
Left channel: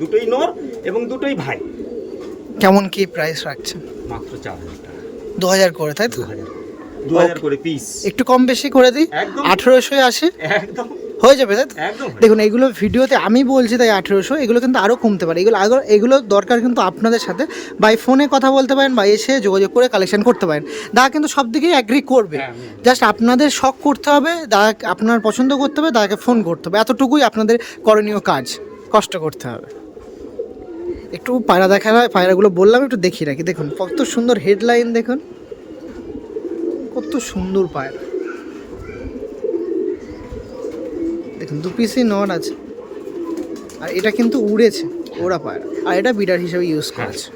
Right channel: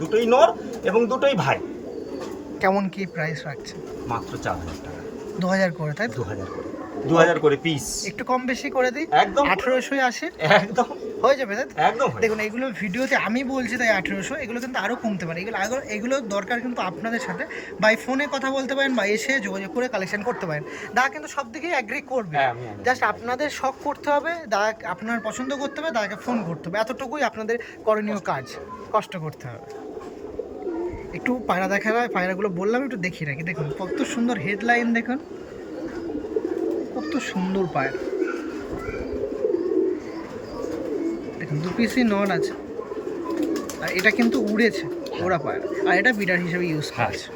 দুটোই নর এবং দুটোই ভাই। কেমন কি প্রাইস রাখছেন? মাত্র 4000 টাকা। 2000 করে, তাই তো? 2000 করে পিস। একটু কম বেশি করে দিই, একদম 1880 একদম হয়ে যাবে, তাই তো? একদম হয়ে দেখুন এগুলো ভিডিওতে আমি বলছি তাই 1800, এগুলো কিন্তু আরও কমতে পারে। এগুলো দরকার কিন্তু আপনাদের সাথে বাই ফোনে কথা বলতে পারেন বা এসে যোগাযোগ করে কালেকশন করতে পারেন। দাদা কিন্তু সব দিকেই অ্যাগ্রি করবে, হ্যাঁ, আমি agree। জাস্ট আপনাদের শখ করতে হবে, দাদা আপনার পছন্দ করতে হবে, দাদাকে ফোন করতে হবে, এতটুকুই আপনাদের করণীয় কাজ, কষ্ট করতে হবে। একটু পায়রা দেখা হয়, পায়রাগুলো বললাম একটু দেখিয়ে রাখি। দেখুন কত সুন্দর হেডলাইন, দেখুন কত সুন্দর পায়রা। দেখুন 2 পিসই নর আছে, আর এটা কিন্তু উড়েছে, ওরা পায়রা, আর এটা বিডার হিসেবে ইউজ হ্যাঁ, করেছে।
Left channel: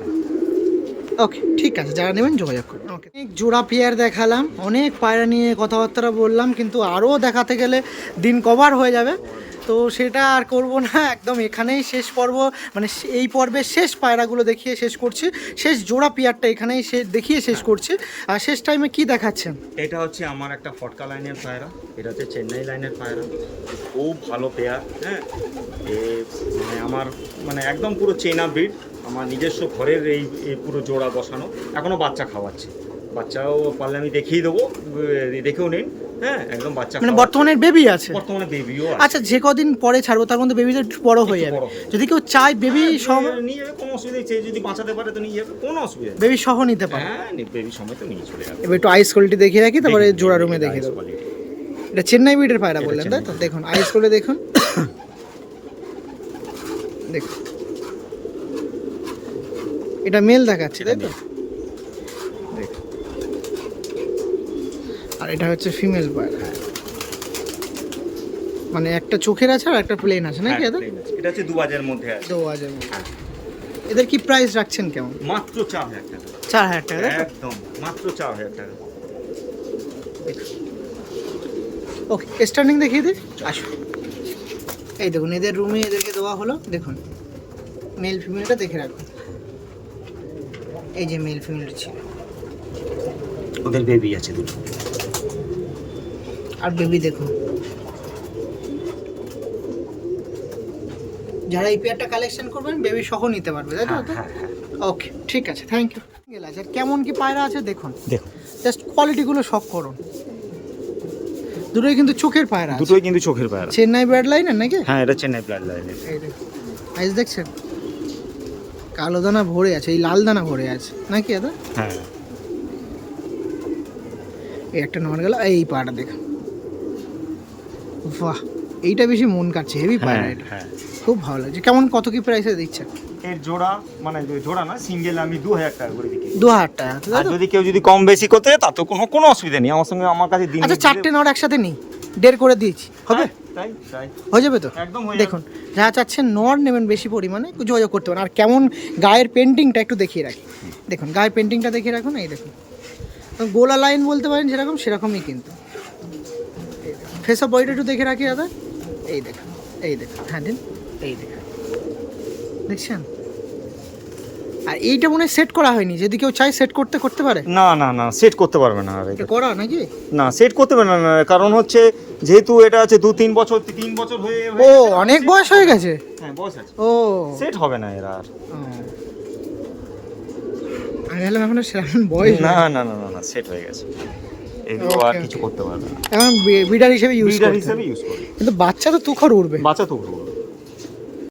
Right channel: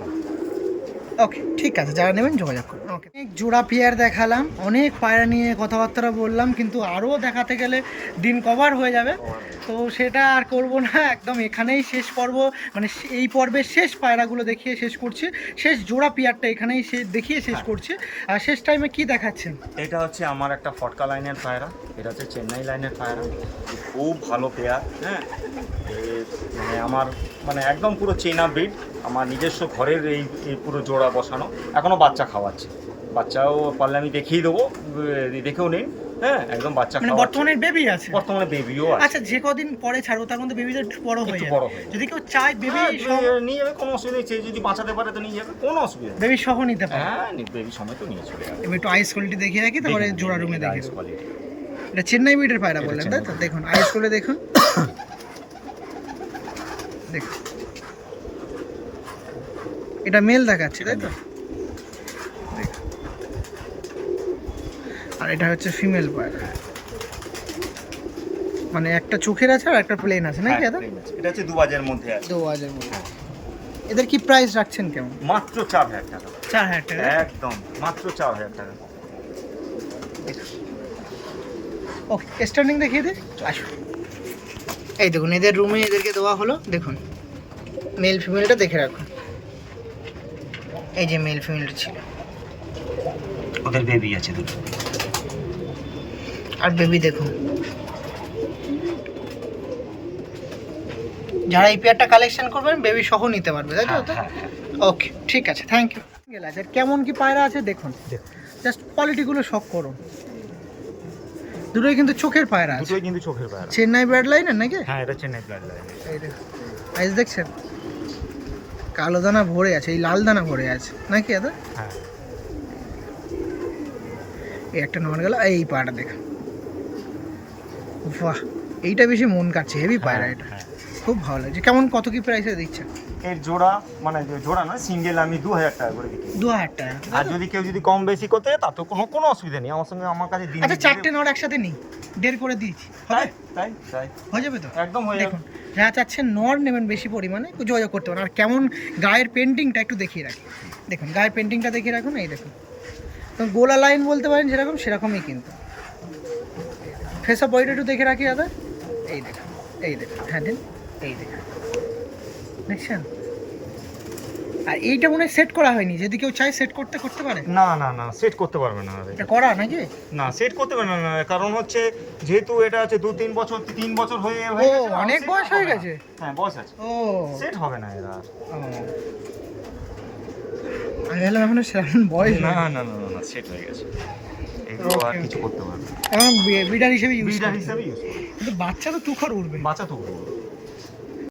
ওকে, ঠিক আছে, যারা নেবেন যোগাযোগ করুন। ওকে, অনেক জোড়া পেয়ার দেখালাম, অনেক পায়রা নিয়ে কথাবার্তা বললাম, কিন্তু আরও দেখাতে গেলে দিন কভার হয়ে যাবে, তো সেটা আর করব না। একদম এখানেই শেষ পর্ব, মানে এই পর্বের শেষ পায়রাগুলো দেখিয়ে শেষ করছি, শেষ জোড়া পেয়ারটা এখানেই দেখিয়ে শেষ করছি। আর শেষ টাইমে কি দেখাচ্ছেন? এটা হচ্ছে আমার একটা ফটকা লাইনের পায়রা, এটা হচ্ছে চেন্নাই লাইনের পায়রা। খুব ভালো পেয়ার, হ্যাঁ মানে আমার একদম পুরো চেনা ব্রিড। আমার নিজস্ব ঘরের এই পুরো জোড়া বসানো, এখনও বাচ্চা খাওয়াচ্ছে। বাচ্চাও পারলে আমি দেখিয়ে দেবো, দেখেও নিন। হ্যাঁ, একদম বাচ্চা মানে খাওয়াচ্ছে। বর্তমানে বেবি আছে? বর্তমানে বেবিও আছে। আচ্ছা, যে কদিন পরে ছাড়বো তার মধ্যে বেবিটা একটু বড় হয়ে একটু যাবে, বড় হয়ে যাবে। যদি কেউ চায় বেবি সহ নিয়ে যাবে, কোনো অসুবিধা নেই। সে যদি বাঁচাতে পারে তো নিয়ে যাবে, কোনো অসুবিধা নেই। বেবি সহ নিতে পারে। হ্যাঁ, বেবি সময় তো নিয়ে চলে যাবে। এবার একটু আইস কোয়ালিটি দেখিয়ে রাখি, তারপরে জোড়া রুমে দেখিয়ে দেবো। এটা চেন্নাই ব্রিডের পায়রা বললেন, তাই তো? দেখুন আইস করে দেখুন, দেখুন এটা মেল দেখাচ্ছি, তাই তো? দেখুন, আর এটা হচ্ছে ফিমেল পায়রা, মানে একটা চোখের আছে আর একটা প্লেন আছে নাকি? হ্যাঁ, এটা হচ্ছে 2000 মধ্যে আছে। 2000 মধ্যে। হ্যাঁ। এদের কি প্রাইস রাখছেন কেমন? মাত্র 4000 টাকা। 4000 টাকা, তাই তো? একদম মাত্র 4000 টাকা। ওকে, স্টার্নিং দেখিয়ে দিই, আসুন। এই দেখুন এদের রুমে এদেরকে দেওয়া হলো, দেখুন মেল ফিমেলটা দেখে রাখুন। এই যে মেল ফিমেলটা ছিল, ওদের বেবি আছে দুটো। আর বেবি দেখুন। যারা এই পেয়ারটা কালেকশন করবেন বেবি সহ নিতে পারবে, তাই তো? হ্যাঁ, হ্যাঁ। ওকে, ঠিক আছে, থ্যাংক ইউ। আর কেমন কি পায়রা আছে দেখুন, জাস্ট কোয়ালিটিগুলো শখ করুন। দুটোই কিন্তু চোখের পায়রা আছে, দুটোই কিন্তু চোখের পায়রা। চেন্নাই ব্রাড লাইনের নাকি? হ্যাঁ, এটা চেন্নাই ব্লাড লাইনের। এই দেখুন আইস দেখছেন, কালো দানা ভরে আছে, এই লাল দানা ভরে আছে নাকি দাদা? হ্যাঁ এই একটা নর গেল, এই পায়রা দেখ, বাহ এইটা বেশি মন কাটছে, হেভি পায়রা এটা, হ্যাঁ। খুব ভালো লাগছে। কেমন কত কি প্রাইসে দিচ্ছে? এর জোড়া মানে জোড়া না, সিঙ্গেল আমি 2000 টাকা করে বিক্রি করি। 2000 টাকা, আর যদি কেউ যদি কম বেশি করতে চায় তাতে কোনো অসুবিধা নেই, আমার সঙ্গে আমার কাছে দিন আচ্ছা 4টে নর একসাথে নিই, 1.5 করে দিয়েছি, হবে? তাই তাই হয়ে যাবে তো? একদম হয়ে যাবে। দেখুন যারা চাচ্ছেন নর নেবেন বেশি পরিমাণে, যোগাযোগ করতে পারেন। আর কেমন গায়ের পেন্টিংটা একটু দেখিয়ে রাখি, দেখুন গায়ের পেন্টিংটা দেখিয়ে রাখুন, এই দেখুন গোলা লাইন বলতে পারেন যেরকম সেরকমই কিন্তু। ফেস অফ বডিটা একটু দেখে রাখি দাদা, এই দেখুন, এই দেখুন, হ্যাঁ দিন, এই দেখুন, দেখছেন? আর এইটা মনে হয় সেট করা হয়নি, যদি কেউ চায় সেট করতে পারে। না না না, সেট করতে পারবে না আর এটা করা নাকি? না, সেট করতে পারবে না, কারণ হচ্ছে যেহেতু এটা আছে 3 বছর হয়ে ও গেছে, অনেক set বয়স হবে হয়ে না। গেছে। হ্যাঁ বয়স আছে, ও সেট হবে না এরা আর। আমি ভাবলাম এখন সেরকম বয়স না না, না না না না, সেট হয়ে গেছে, এগুলো আর Okay, কিছু করতে পারবে না। এখন বিডার হিসেবে ইউজ ব্রিডার করতে হিসেবে হবে। ইউজ করবে, কিন্তু বাচ্চা তো তুখর উঠবে। বাচ্চা তো করবো।